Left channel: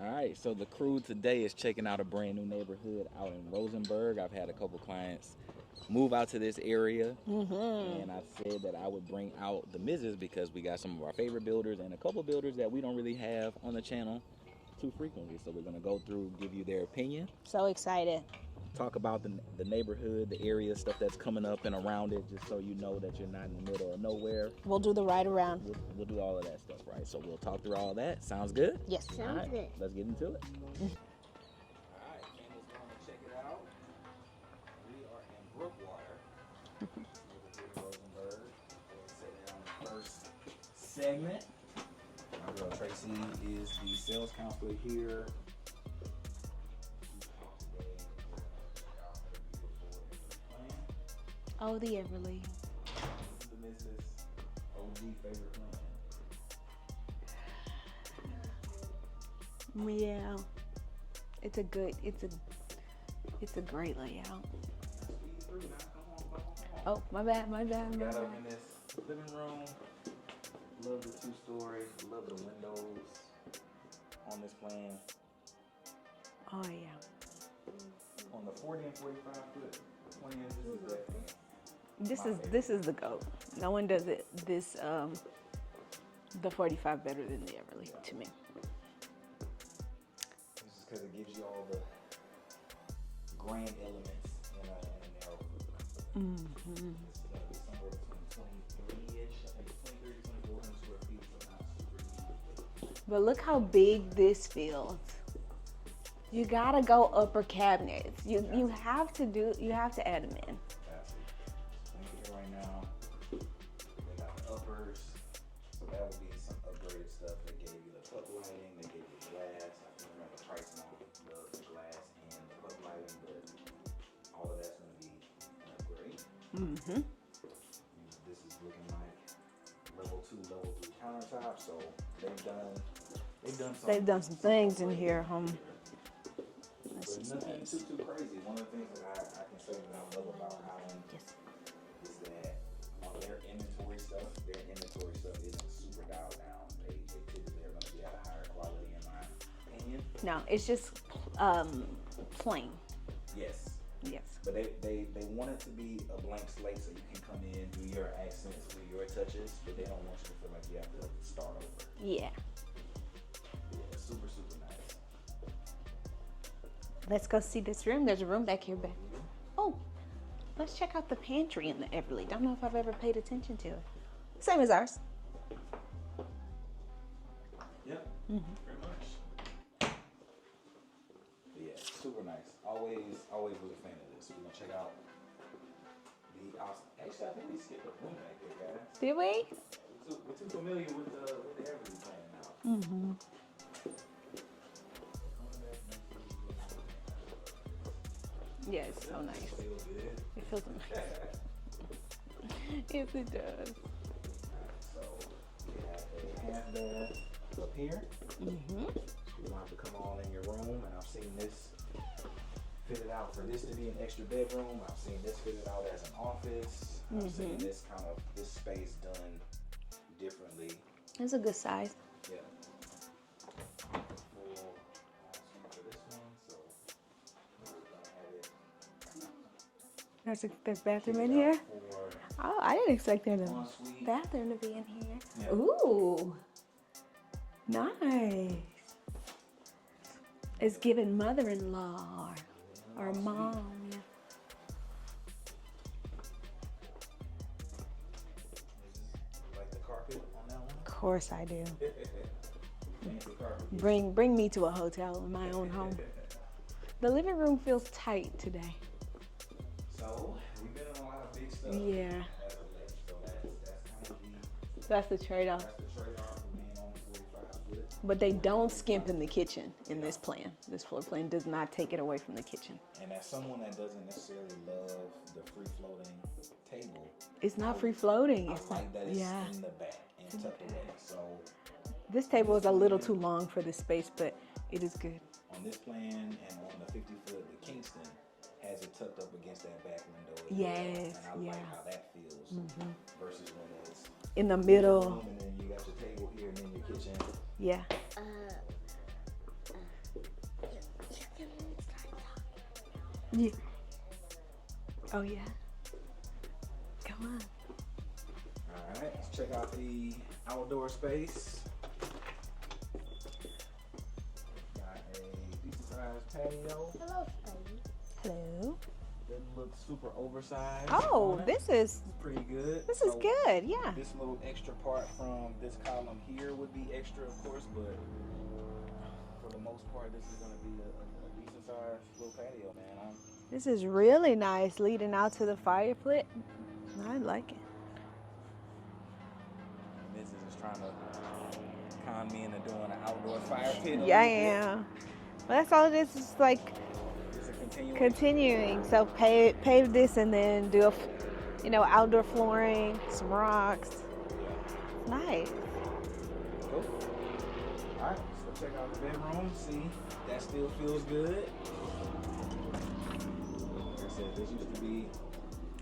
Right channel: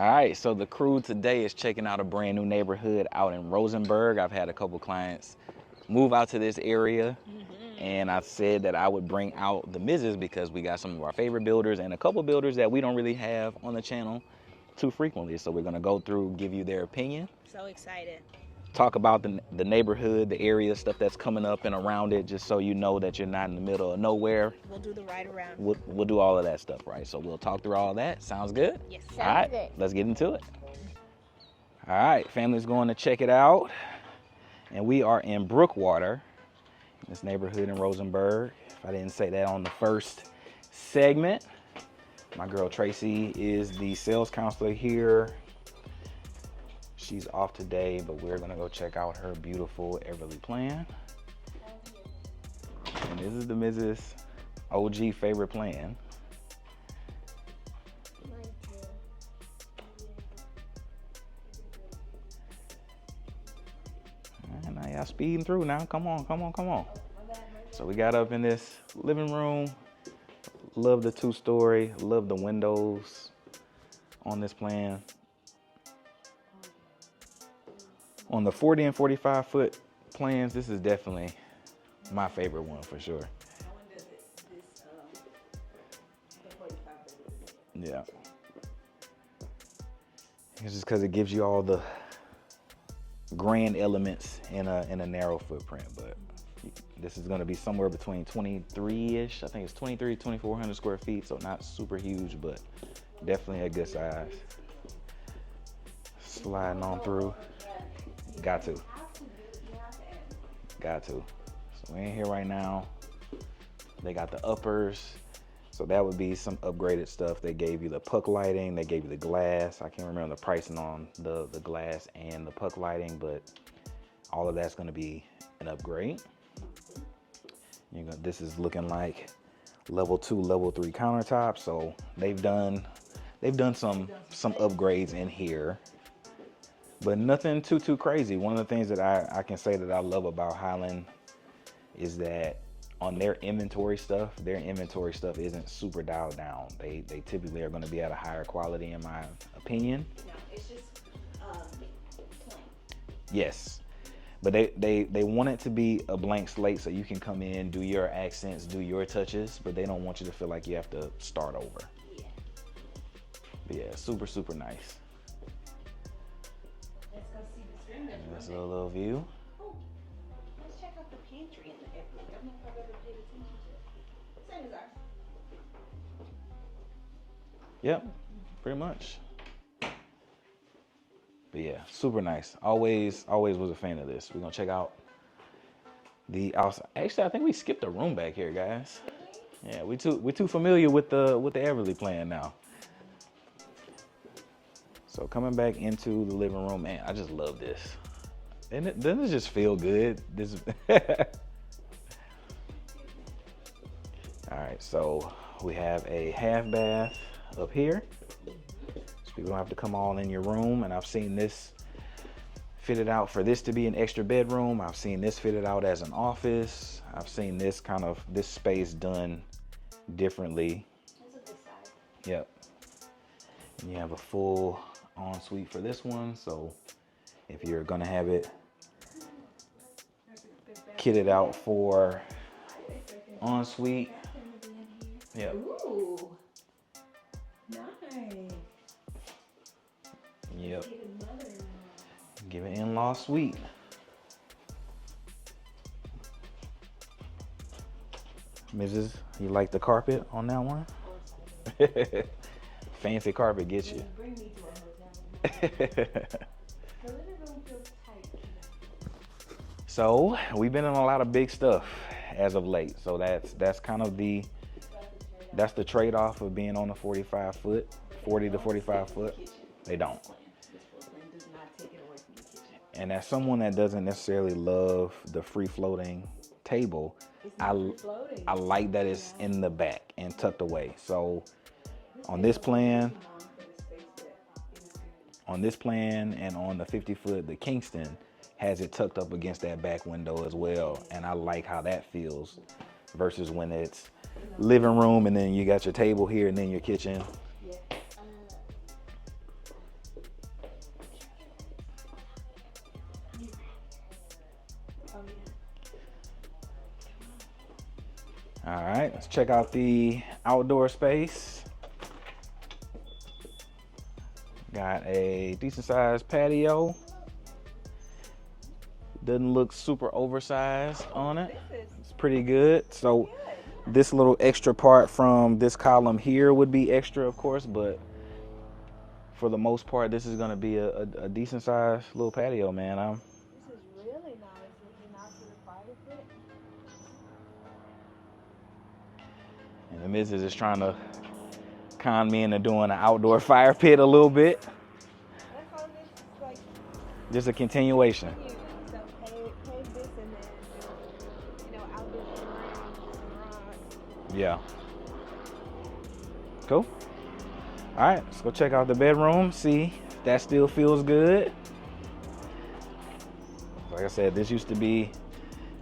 All right, so the crew today is checking out a brand new neighborhood out in Rosenberg. I've had a couple clients move out to this area, and I said that I would bring out the Mrs. because we got some of our favorite builders and a couple builders that we don't really have on the channel too frequently. So we're gonna go through, give you their opinion. So excited. Talk about the neighborhood, the area, stuff that's coming up and around it, just so you know that you're not in the middle of nowhere. We'll do the ride around. We'll do all of that stuff, right? So we'll talk through all of that. Sounds good? Yes. All right, good. let's get into it. All right, family's going to check it out. And we are in Brookewater, this neighborhood in Rosenberg. If I didn't say that on the first segment, my girl Tracy is the sales counselor here. She's off today, but we're gonna go check out her beautiful Everly plan. Oh, the Everly. And this is the Mrs. OG favorite plan. Yeah. It's a great layout. And now y'all speeding through now. Come on. Oh, my bad. So we got up in this living room. Love the 2-story. Love the windows on this plan. Oh, yeah. On the 40 and 45 foot plans, this is definitely my favorite this one is the for goat. sure. No one does it the 45 better than the Everly Yeah. to me. It's just because it gives you all the grand elements in a narrow footprint, but this is going to be somewhere between 23-ish. I think it's 23 to 2,400 square feet, so not super huge, but look how definitely a good big size. this feels. You Sliding gotta on go through. upper cabinets. You Got to. You have to add them in. Got to. So we're in here right now. They got the uppers. So that would be some upgraded stuff. They gave you the puck lighting. They gave you the glass. I can't remember the pricing on the glass and the puck lighting, but all of that's going to be an upgrade. This is looking like level 2, level 3 countertops. So they've done some upgrades in here. But nothing too crazy. One of the things that I can say that I love about Highland is that on their inventory stuff isn't super dialed down. They typically are going to be at a higher quality, in my opinion. No, it's just plain. Yes. Yes. But they want it to be a blank slate so you can come in, do your accents, do your touches, but they don't want you to feel like you have to start over. Yeah. But yeah, super nice. Let's go see this room. There's a room back So a here. little view. Oh, let's check out the pantry in the Everly. Don't know if I've ever paid attention to it. Same as ours. Yep, pretty much. But yeah, super nice. Always was a fan of this. We're gonna check out the outside. Actually, I think we skipped a room back here, guys. Did we? Yeah, we're too familiar with the Everly plan now. So coming back into the living room, man, I just love this. Yes. Doesn't it just feel good? This. Yes, it does. All right, so we have a half bath up here. So you don't have to come all in your room. And I've seen this fitted out for this to be an extra bedroom. I've seen this fitted out as an office. I've seen this space done differently. It's a good size. Yep. And you have a full ensuite for this one. So if you're gonna have it There's bathroom kitted in out here? for Oh, I didn't expect there to ensuite. bathroom to be in here. Yep. Ooh, nice. It's Yep. giving mother-in-law. Give an in-law suite. Mrs., you like the carpet on that one? Of course I do. Fancy carpet gets you. Bring me to a hotel in my own home. The living room feels tight today. So we've been in a lot of big stuff Yeah. as of late. So that's kind of That's the trade-off. that's the trade-off of being on the 45 foot. But they 40 to don't 45 skip in the foot. kitchen They in this don't. plan. This floor plan does not take it away from the kitchen. And as someone that doesn't necessarily love the free-floating table, It's not free floating. I like that it's Yeah. in the back and tucked away. So This on table this is a little plan- too long for this space, but it is good. on this plan and on the 50 foot, the Kingston has it tucked up against that back window as well. Yes. And I like how that feels versus when it's In the living middle. room and then you got your table here and then your kitchen. Yeah. Yeah. Oh yeah. Come on. All right, let's check out the outdoor space. Got a decent sized patio. Hello. Doesn't look super oversized on it. This is It's pretty good. This is good, yeah. This little extra part from this column here would be extra, of course, but for the most part, this is going to be a decent sized little patio, man. This is really nice, leading out to the fire pit. I like it. And the missus is trying to con me into doing an outdoor fire pit a little bit. Well, that's all it is. It's like just a continuation. Continuing. So pave this and then do outdoor flooring, some rocks. Yeah. Nice. Cool. All right, let's go check out the bedroom, see if that still feels good. Like I said, this used to be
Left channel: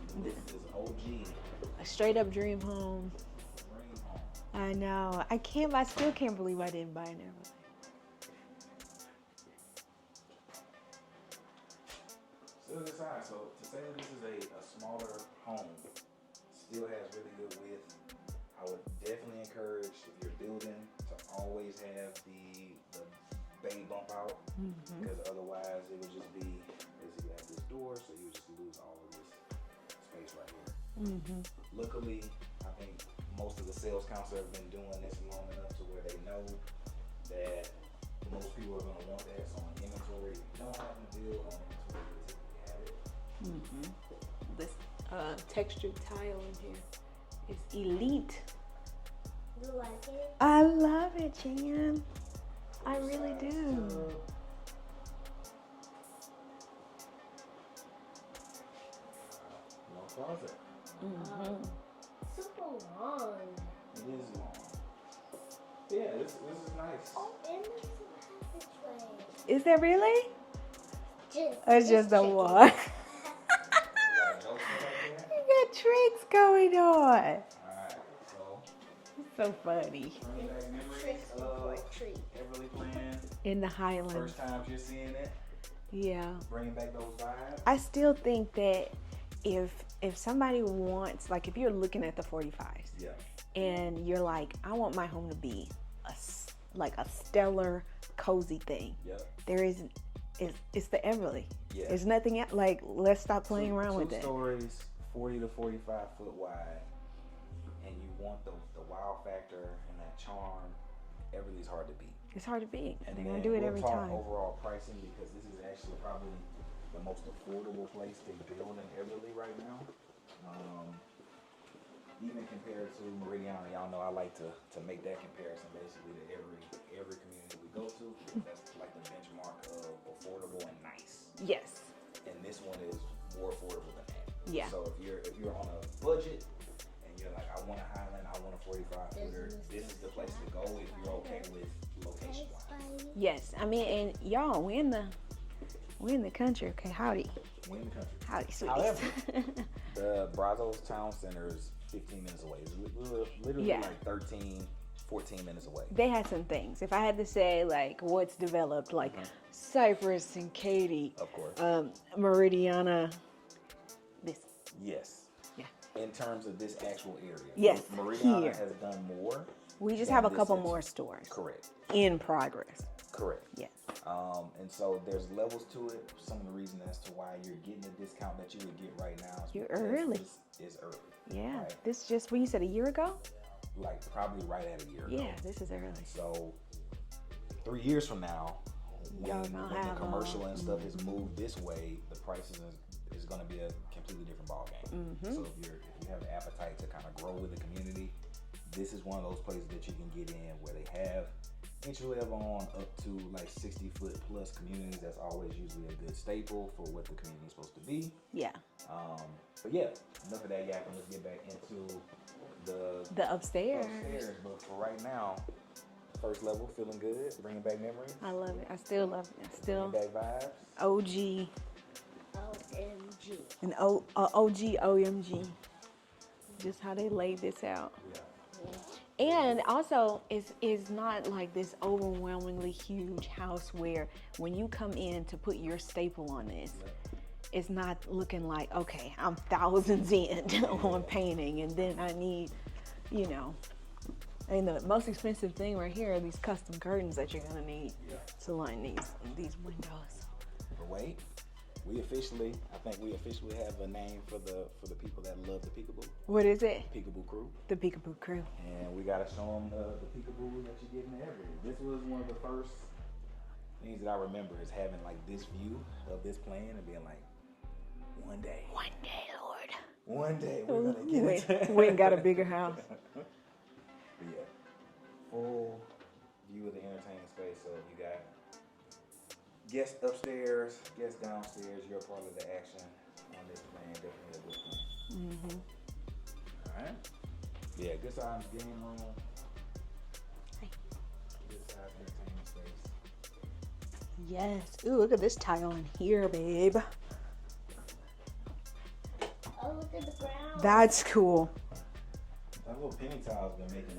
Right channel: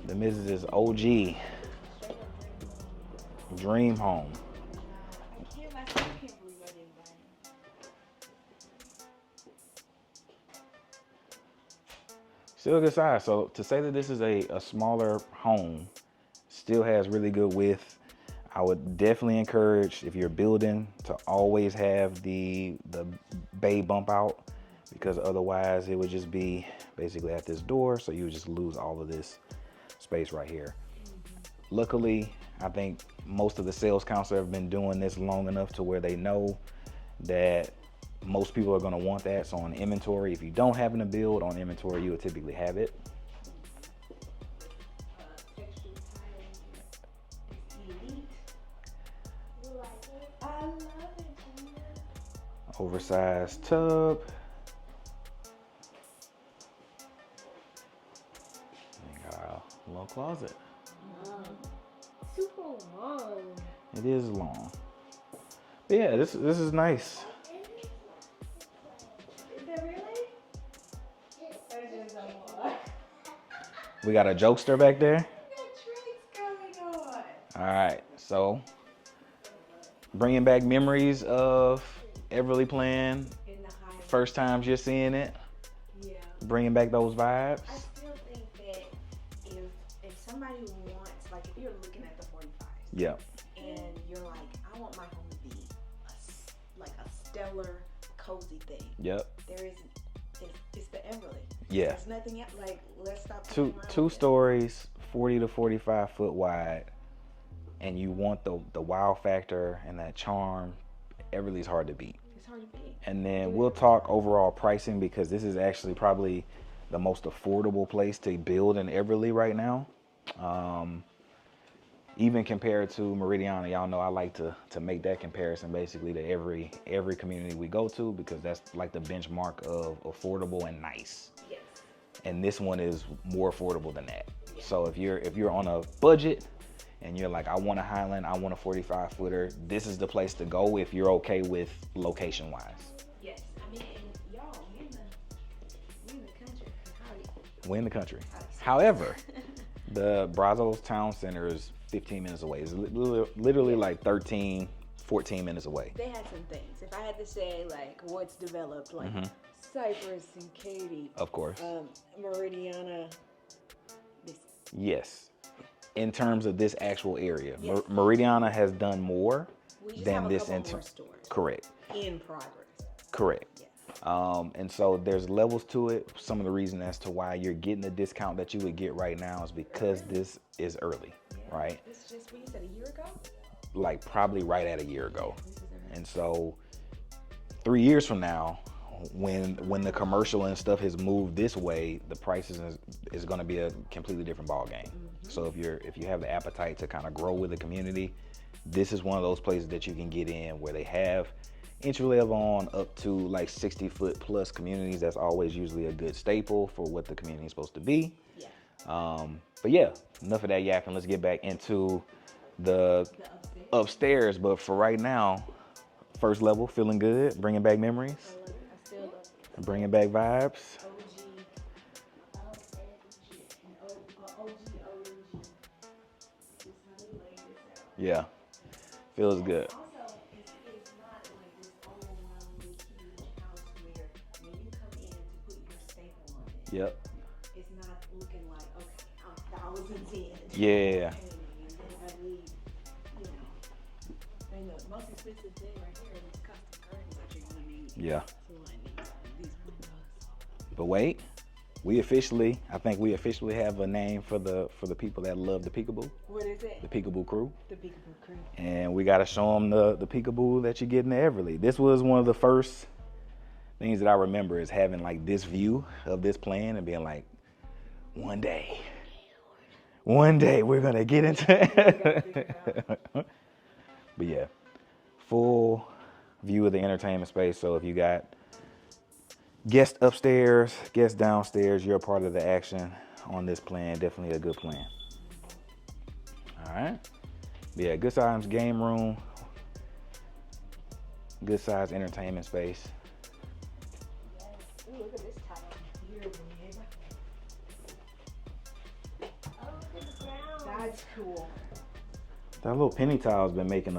the Mrs.'s OG. A straight up dream home. Dream home. I know. I still can't believe I didn't buy it. Still a good size. So to say that this is a smaller home, still has really good width. I would definitely encourage, if you're building, to always have the bay bump out, because otherwise it would just be basically at this door, so you would just lose all of this space right here. Luckily, I think most of the sales counselors have been doing this long enough to where they know that most people are going to want that. So on inventory, if you don't happen to build on inventory, you would typically have it. This textured tile in here is elite. You like it? I love it, Jan. Oversized tub. We got our little closet. Super long. It is long. But yeah, this is nice. Is that really? It's just a one. We got a jokester back there. You got tricks going on. All right, so So funny. bringing back memories of Everly playing. In the Highland. First times you're seeing it. Yeah. Bringing back those vibes. I still think that if somebody wants, like if you're looking at the 45s. Yeah. And you're like, I want my home to be like a stellar, cozy thing. Yep. There is, it's the Everly. Yeah. There's nothing else. Like, let's stop playing around with it. Two stories, 40 to 45 foot wide, and you want the wow factor and that charm. Everly's hard to beat. It's hard to beat. And then we'll talk overall pricing, because this is actually probably the most affordable place to build in Everly right now. Even compared to Meridiana, y'all know I like to make that comparison basically to every community we go to, because that's like the benchmark of affordable and nice. Yes. And this one is more affordable than that. Yeah. So if you're on a budget and you're like, I want a Highland, I want a 45 footer, this is the place to go if you're okay with location wise. Yes. I mean, and y'all, we're in the country. Okay, howdy. We're in the country. Howdy. However, the Brazos Town Center is 15 minutes away. It's literally like 13, 14 minutes away. They had some things. If I had to say like what's developed, like Cypress and Katy. Of course. Meridiana. Yes. Yeah. In terms of this actual area. Yes. Meridiana has done more. We just have a couple more stores. Correct. In progress. Correct. Yes. And so there's levels to it. Some of the reason as to why you're getting the discount that you would get right now is because this is early. Yeah. Right. This is just what you said a year ago? Like probably right at a year ago. Yeah, this is early. And so 3 years from now, when the commercial and stuff has moved this way, the prices is going to be a completely different ball game. So if you have the appetite to kind of grow with the community, this is one of those places that you can get in where they have entry level on up to like 60 foot plus communities. That's always usually a good staple for what the community is supposed to be. Yeah. But yeah, enough of that yapping. Let's get back into the upstairs. But for right now, first level, feeling good, bringing back memories. I love it. I still love it. Bringing back vibes. OG. And OG OMG. Just how they laid this out. Yeah. And good. also, it's not like this overwhelmingly huge house where when you come in to put your staple on this, Yep. it's not looking like, okay, I'm thousands in on painting, and then I need, you know, and the most expensive thing right here are these custom curtains that you're gonna need. Yeah. To line these windows. But wait, I think we officially have a name for the people that love the peekaboo. What is it? The Peekaboo Crew. The Peekaboo Crew. And we gotta show them the peekaboo that you get in the Everly. This was one of the first things that I remember is having like this view of this plan and being like, one day, Lord. One day we're gonna get into it. We got a bigger house. But yeah, full view of the entertainment space. So if you got guests upstairs, guests downstairs, you're a part of the action on this plan. Definitely a good plan. All right. Yeah, good size game room. Good size entertainment space. Yes. Ooh, look at this tile in here, babe. Oh, look at the ground. That's cool. That little penny tile's been making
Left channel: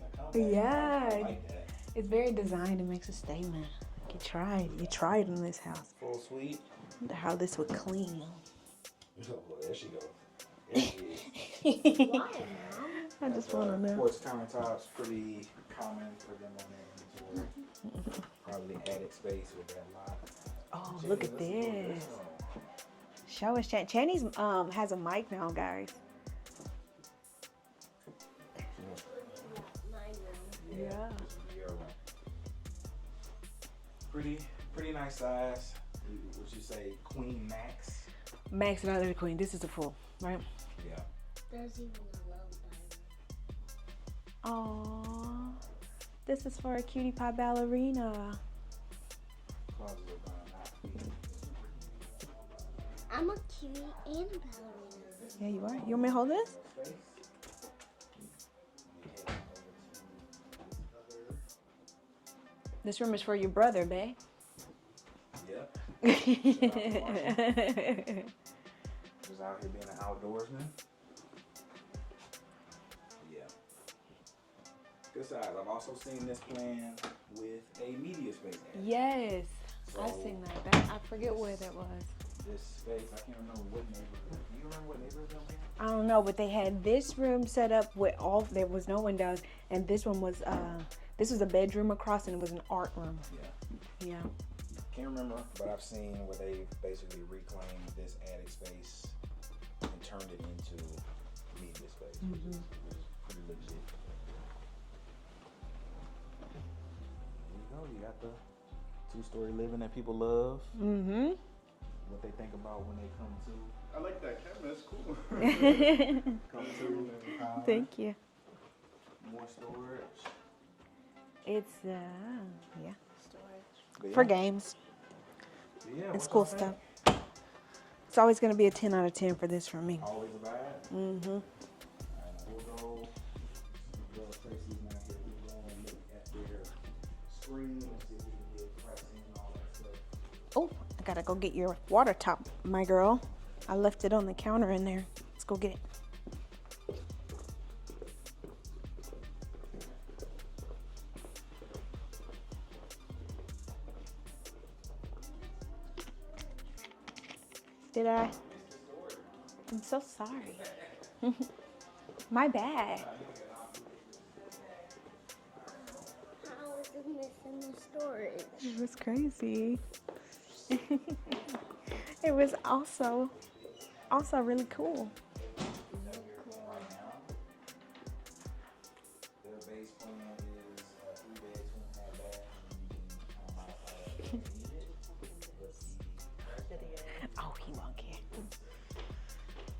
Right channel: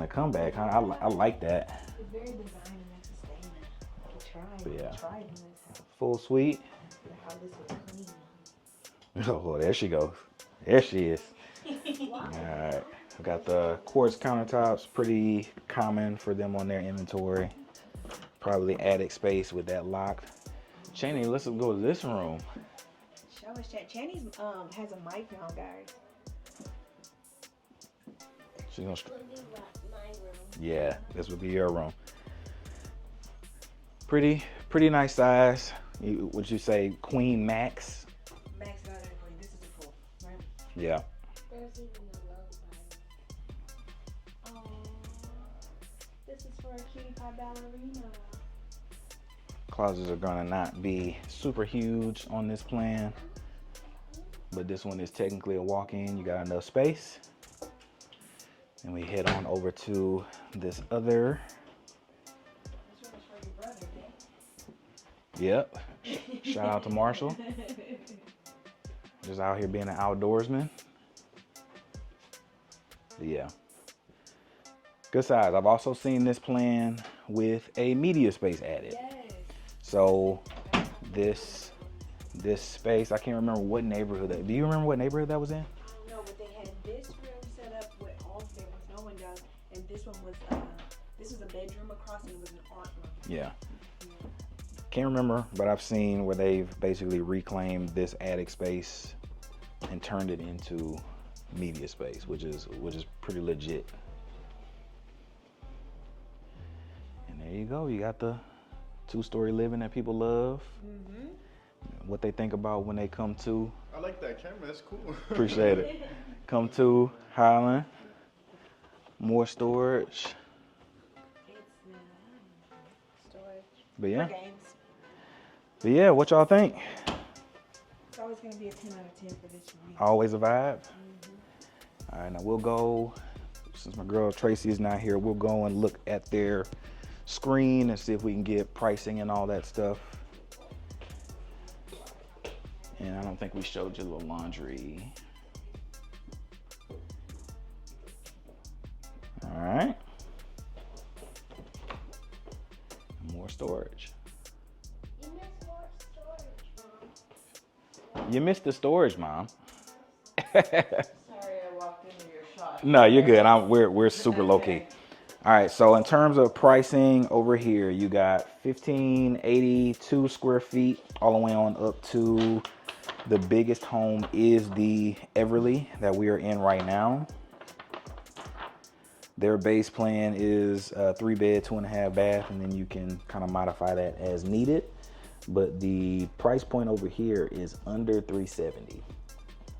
a comeback. Yeah. I like that. It's very designed and makes a statement. You tried. Yeah. You tried in this house. Full suite. I wonder how this would clean. Oh, there she goes. There she is. All right. We got the quartz countertops, pretty common for them on their inventory. Probably attic space with that locked. Oh, Channy, let's go to this room. Show us, Channy's has a mic now, guys. She's gonna. Yeah, this would be your room. Pretty nice size. Would you say queen max? Max, not the queen. This is the full, right? Yeah. There's even a low Oh, this is for a cutie pie ballerina. Closets are gonna not be super huge on this plan. I'm a cutie and but this one is technically a walk-in. You got enough space. And we head on over to this other. This room is for your brother, babe. Yep. Shout out to Marshall. Just out here being an outdoorsman. Yeah. Good size. I've also seen this plan with a media space added. Yes. So I forget where that was. This space, I can't remember what neighborhood do you remember what neighborhood that was in? I don't know, but they had this room set up with there was no windows, and this one was this was a bedroom across, and it was an art room. Yeah. Yeah. Can't remember, but I've seen where they've basically reclaimed this attic space and turned it into media space, which is pretty legit. And there you go. You got the 2-story living that people love. Mm-hmm. What they think about when they come to. I like that camera. It's cool. Appreciate it. Come to Highland. Thank you. More storage. It's storage But yeah. for games. But yeah, what y'all think? It's always going to be a 10 out of 10 for this for me. Always a vibe? Mm-hmm. All right, now we'll go, since my girl Tracy is not here, we'll go and look at their screen and see if we can get pricing and all that stuff. Oh, I got to go get your water top, my girl. Yeah, I don't think we should. I left it on the counter in there. Let's go get it. All right. More storage. Did I? You missed the storage, Mom. I'm so sorry. My bad. No, you're good. We're super low key. All right, so in terms of pricing over here, you got 1,582 square feet all the way on up to the biggest home is the Everly that we are in right now. Their base plan is 3-bed, 2.5 bath, and then you can kind of modify that as needed. But the price point over here is under $370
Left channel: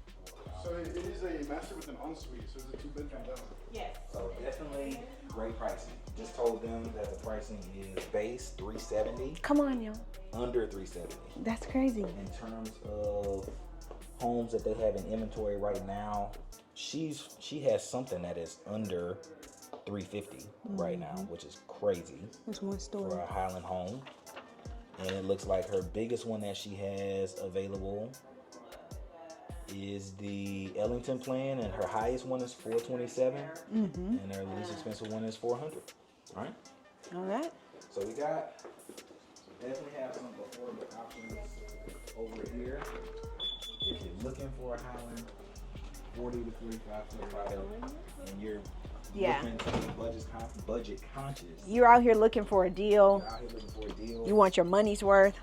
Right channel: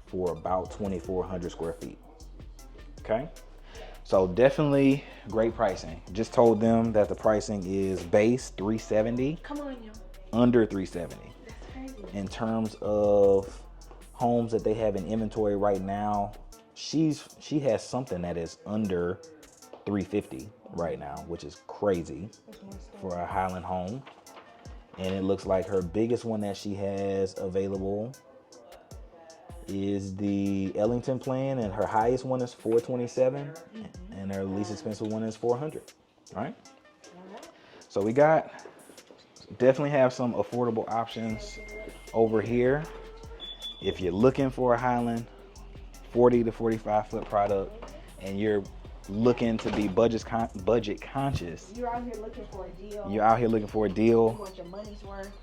for about 2,400 square feet. Okay, so definitely great pricing. Just told them that the pricing is base $370. Come on, y'all. Under $370. That's crazy. In terms of homes that they have in inventory right now, she has something that is under $350 right now, which is crazy for a Highland home. And it looks like her biggest one that she has available is the Ellington plan, and her highest one is $427, and her least expensive one is $400. All right. All right. So we got definitely have some affordable options over here. If you're looking for a Highland 40 to 45 foot product and you're looking to be budget conscious. You're out here looking for a deal. You want your money's worth.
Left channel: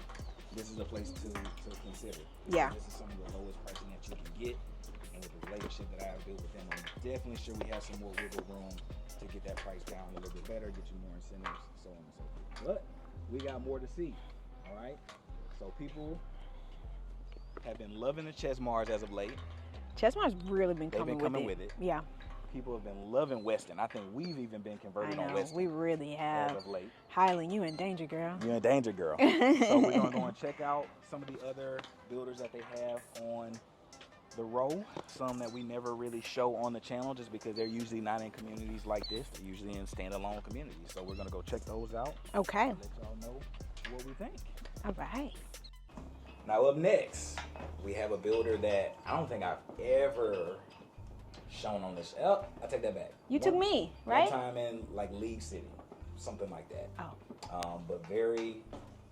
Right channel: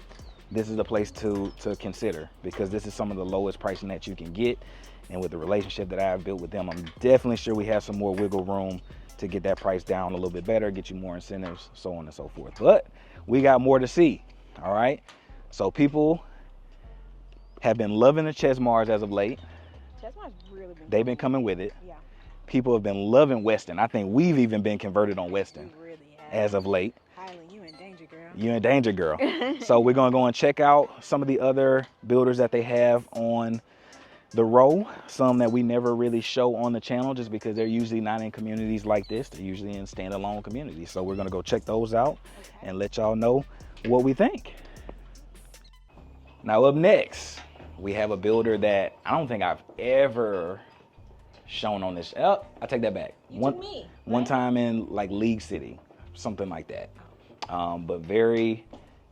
This is the place to consider, because this is some of the lowest pricing that you can get. And with the relationship that I've built with them, I'm definitely sure we have some more wiggle room to get that price down a little bit better, get you more incentives, so on and so forth. But we got more to see, all right? So people have been loving the Chesmars as of late. Chesmar's really been They've been coming with it. Yeah. People have been loving Westin. I think we've even been converted on Westin. We really have. As of late. Highland, you in danger, girl. You're in danger, girl. So we're going to go and check out some of the other builders that they have on the row. Some that we never really show on the channel just because they're usually not in communities like this. They're usually in standalone communities. So we're going to go check those out. Okay. And let y'all know what we think. All right. Now up next, we have a builder that I don't think I've ever shown on this. Oh, I take that back. You took me, right? One time in like League City, something like that. Oh. But very,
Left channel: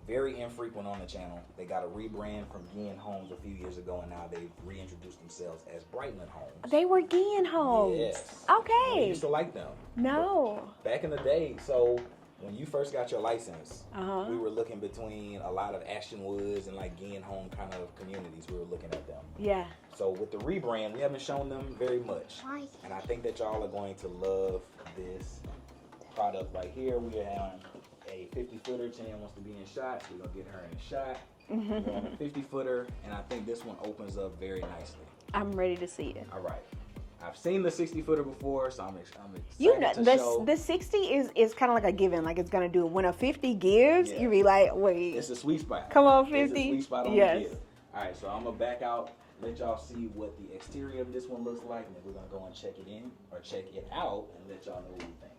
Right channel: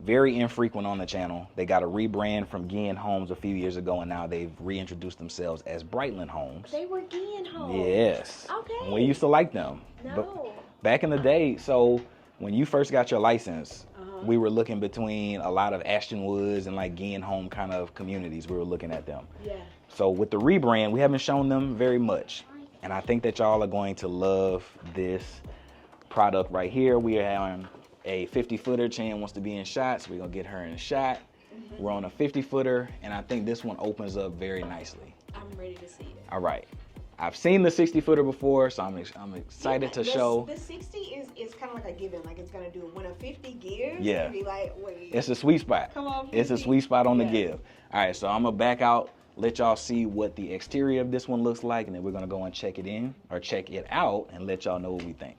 very infrequent on the channel. They got a rebrand from Highland Homes a few years ago, and now they've reintroduced themselves as Brightland Homes. They were Highland Homes. Yes. Okay. We used to like them. No. But back in the day, so when you first got your license, we were looking between a lot of Ashton Woods and like Highland Home kind of communities. We were looking at them. Yeah. So with the rebrand, we haven't shown them very much. And I think that y'all are going to love this product right here. We are having a 50-footer. Chan wants to be in shots. We're going to get her in a shot. We're on a 50-footer, and I think this one opens up very nicely. I'm ready to see it. All right. I've seen the 60-footer before, so I'm excited to show. The 60 is kind of like a given, like it's going to do. When a 50 gives, Yeah. you be like, wait. It's a sweet spot. Come on, 50. It's a sweet spot on the Yes. give. All right, so I'm going to back out, let y'all see what the exterior of this one looks like, and then we're going to go and check it out and let y'all know what we think.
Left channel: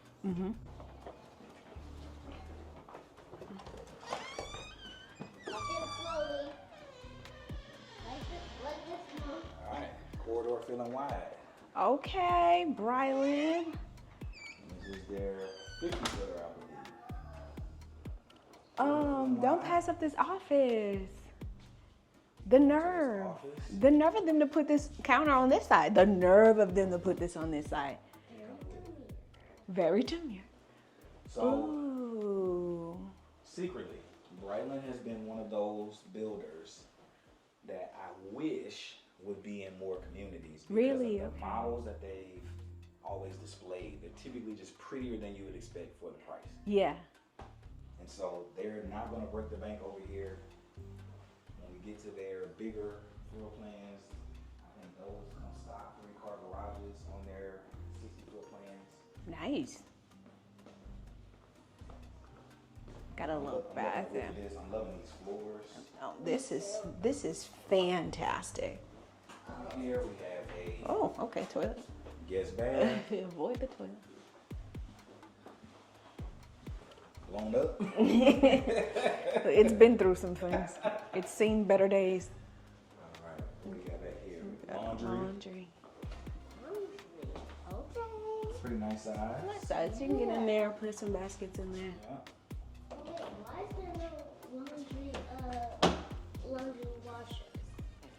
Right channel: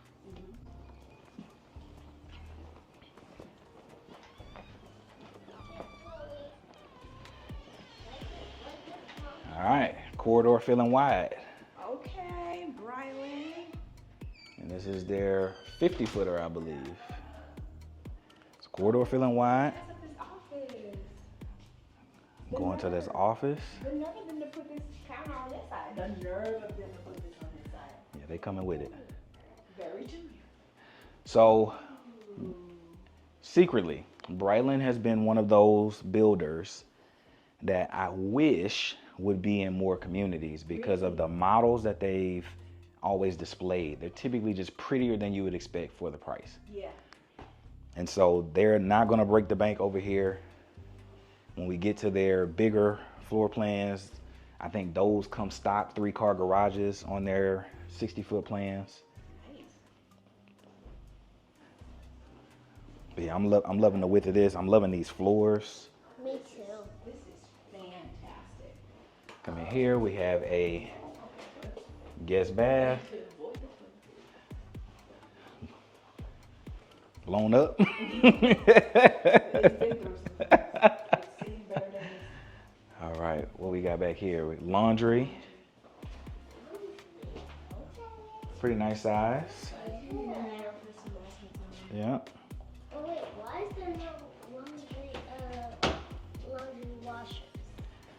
All right, corridor feeling wide. Okay, Brightland. And this is their 50-footer, I believe. It's corridor feeling wide. Don't pass up this office. The Going nerve. to this office. The nerve of them to put this counter on this side. The nerve of them to put this on this side. Yeah, they coming with it. Very junior. So, Ooh. secretly, Brightland has been one of those builders that I wish would be in more communities because of the models that they've always displayed. They're typically just prettier than you would expect for the price. Yeah. And so they're not going to break the bank over here. When we get to their bigger floor plans, I think those come stock 3-car garages on their 60-foot plans. Nice. Yeah, I'm loving the width of this. I'm loving these floors. Oh, this is fantastic. Come in here, we have a Oh, okay, toilet. guest bath, Avoid the toilet. blown up. It's been through some things. It's seen better days. All right, what we got back here? Laundry. Pretty nice size. So you can get in there, put some baskets in there. Yeah. Oh wait, why is there no laundry washers?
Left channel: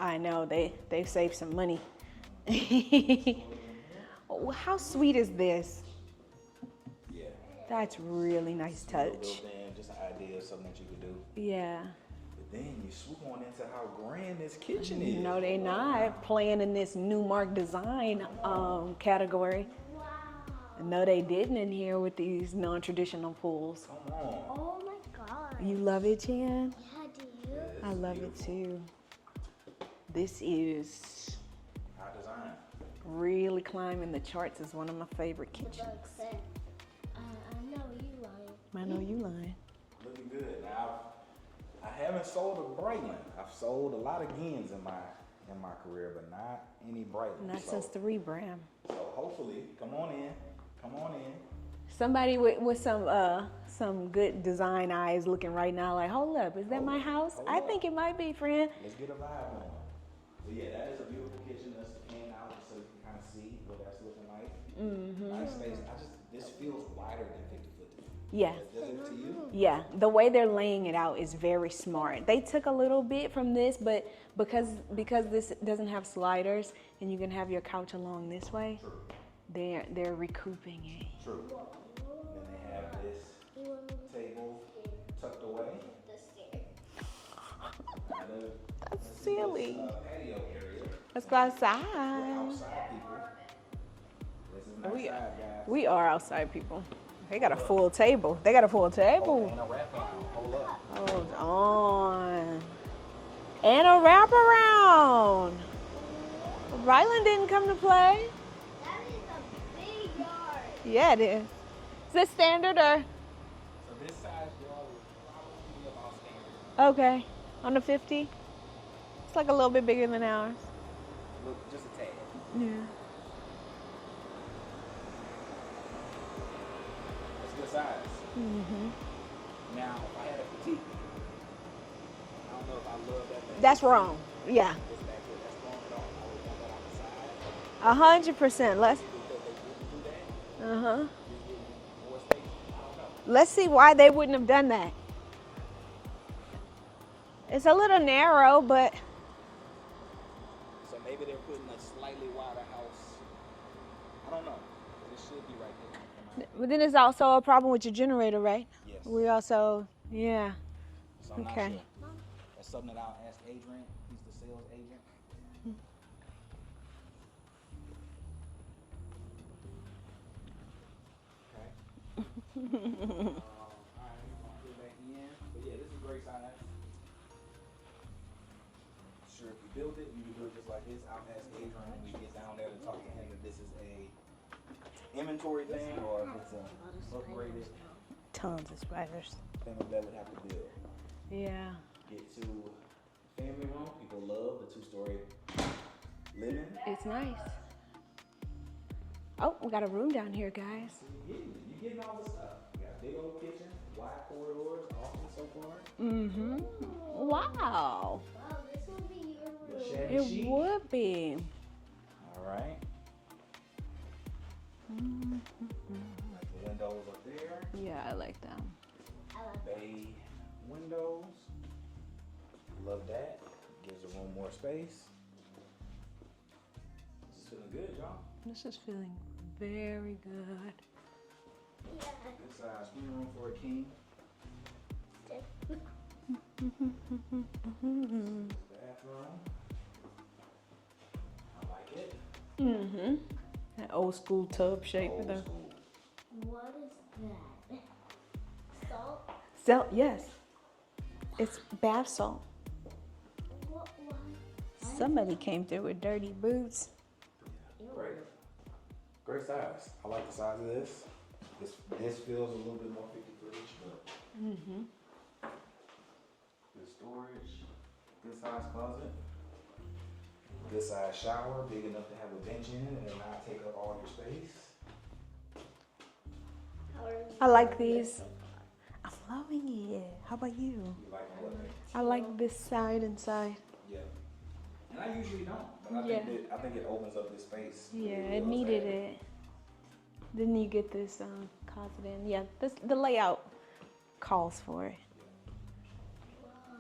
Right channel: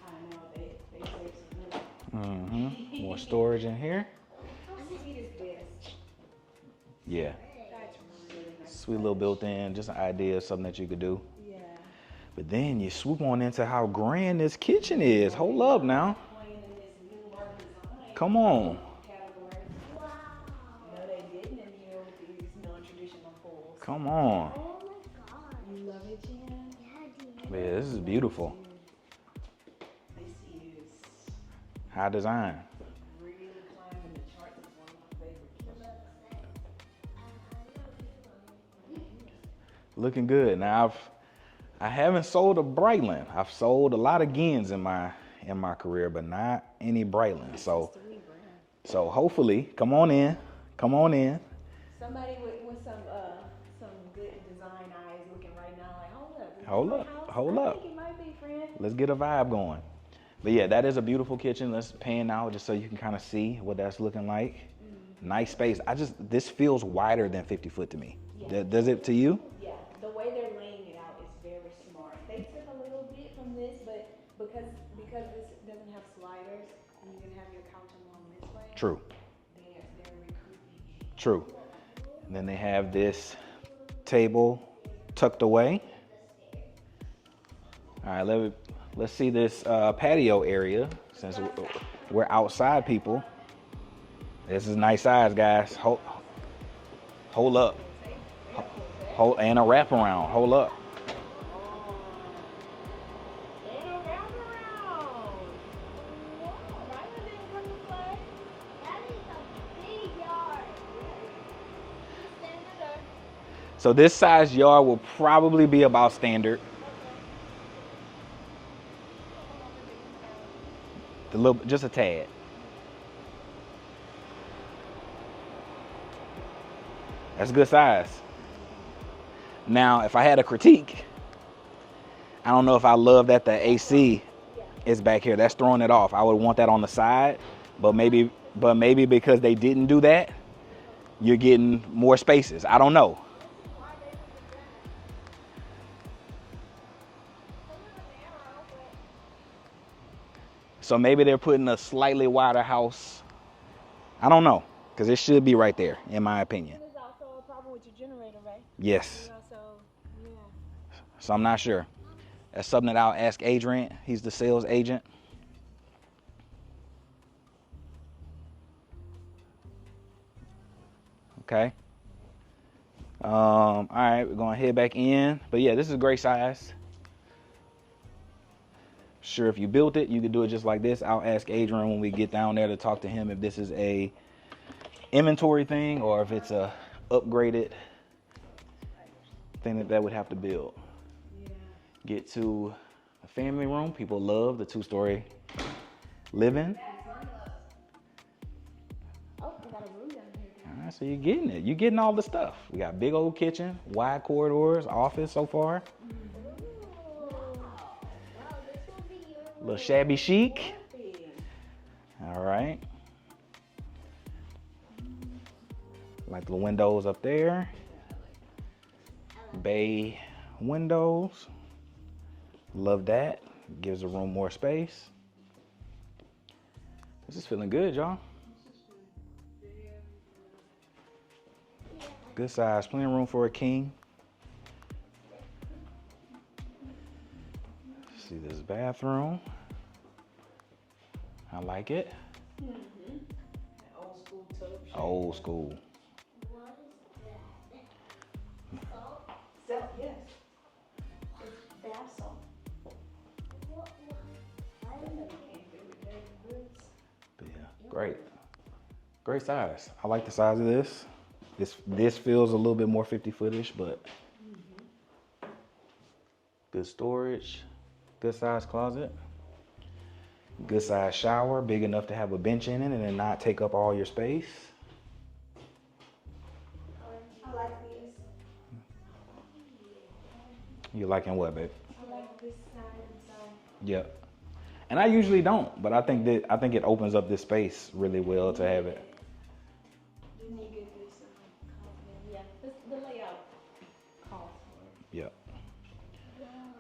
I know, they've saved some money. More storage in here. Oh, how sweet is this? Yeah. That's really nice. Sweet little built-in, just an idea of something that you could do. Yeah. But then you swoop on into how grand this kitchen is. No, Hold they up not now. Playing in this new mark design Come on. category. Wow. No, they didn't in here with these non-traditional pools. Come on. Oh my god. You love it, Jan? Yeah, dude. Yeah, this I is love beautiful. it too. This is High design. really climbing the charts as one of my favorite kitchens. I know you lying. I know you lying. Looking good. Now I haven't sold a Brightland. I've sold a lot of Gins in my career, but not any Brightland. Not So since the rebrand. so hopefully, come on in. Somebody with some good design eyes looking right now like, hold up, is that Hold my up, house? hold I up. think it might be, friend. Let's get a vibe going. But yeah, that is a beautiful kitchen. Let's pan out just so you can kind of see what that's looking like. Nice space. This feels wider than 50 foot to me. Yeah. Does it to you? Yeah, the way they're laying it out is very smart. They took a little bit from this, but because this doesn't have sliders and you can have your couch along this way. True. They're recouping it. True. And then they have this table tucked away. All right, let's see this patio area. Let's go outside. We're outside people. This is nice size, guys. We are outside people. They Hold got a up. full table. They got a full table. And a wraparound. Hold up. Hold on. And a wraparound. Brightland didn't come to play. That is a big yard. Yeah, it is. Is this standard or? So this size yard will probably be about standard. Okay. On the 50? It's like a little bit bigger than ours. Just a tad. Yeah. That's good size. Now, if I had a critique, I don't know if I love that the That's AC wrong. Yeah. is back here. That's throwing it off. I would want that on the side. But 100%. maybe because they didn't do that, you're getting more spaces. I don't know. Let's see why they wouldn't have done that. It's a little narrow, but So maybe they're putting a slightly wider house. I don't know, because it should be right there, in my but opinion. then there's also a problem with your generator, right? Yes. We also, yeah. So I'm not Okay. sure. That's something that I'll ask Adrian. He's the sales agent. Okay. All right, we're gonna head back in. But yeah, this is a great size. Sure, if you built it, you could do it just like this. I'll ask Adrian when we get down there to talk to him if this is a inventory thing or if it's a upgraded Tons of spiders. thing that would have to build. Yeah. Get to a family room. People love the 2-story living. It's nice. Oh, we got a room down here, guys. So you're getting it. You're getting all the stuff. We got big old kitchen, wide corridors, office so far. Mm-hmm. Wow. A little shabby chic. It would be. All right. Like the windows up there. Yeah, I like that. Bay windows. Love that. Gives the room more space. This is feeling good, y'all. This is feeling very good. Good size. Plenty of room for a king. See this bathroom. I like it. Mm-hmm. That old school tub shape. Old school. What is that? Salt? Salt, yes. It's bath salt. What one? Somebody came through with dirty boots. Yeah, great. Great size. I like the size of this. This feels a little bit more 50-footish, but good storage. Good size closet. Good size shower, big enough to have a bench in it and then not take up all your space. I like these. I'm loving it. How about you? You liking what, babe? I like this side and side. Yep. And I usually don't, but I think it opens up this space really well to have it. Then you get this closet in. Yeah, the layout calls for it. Yep.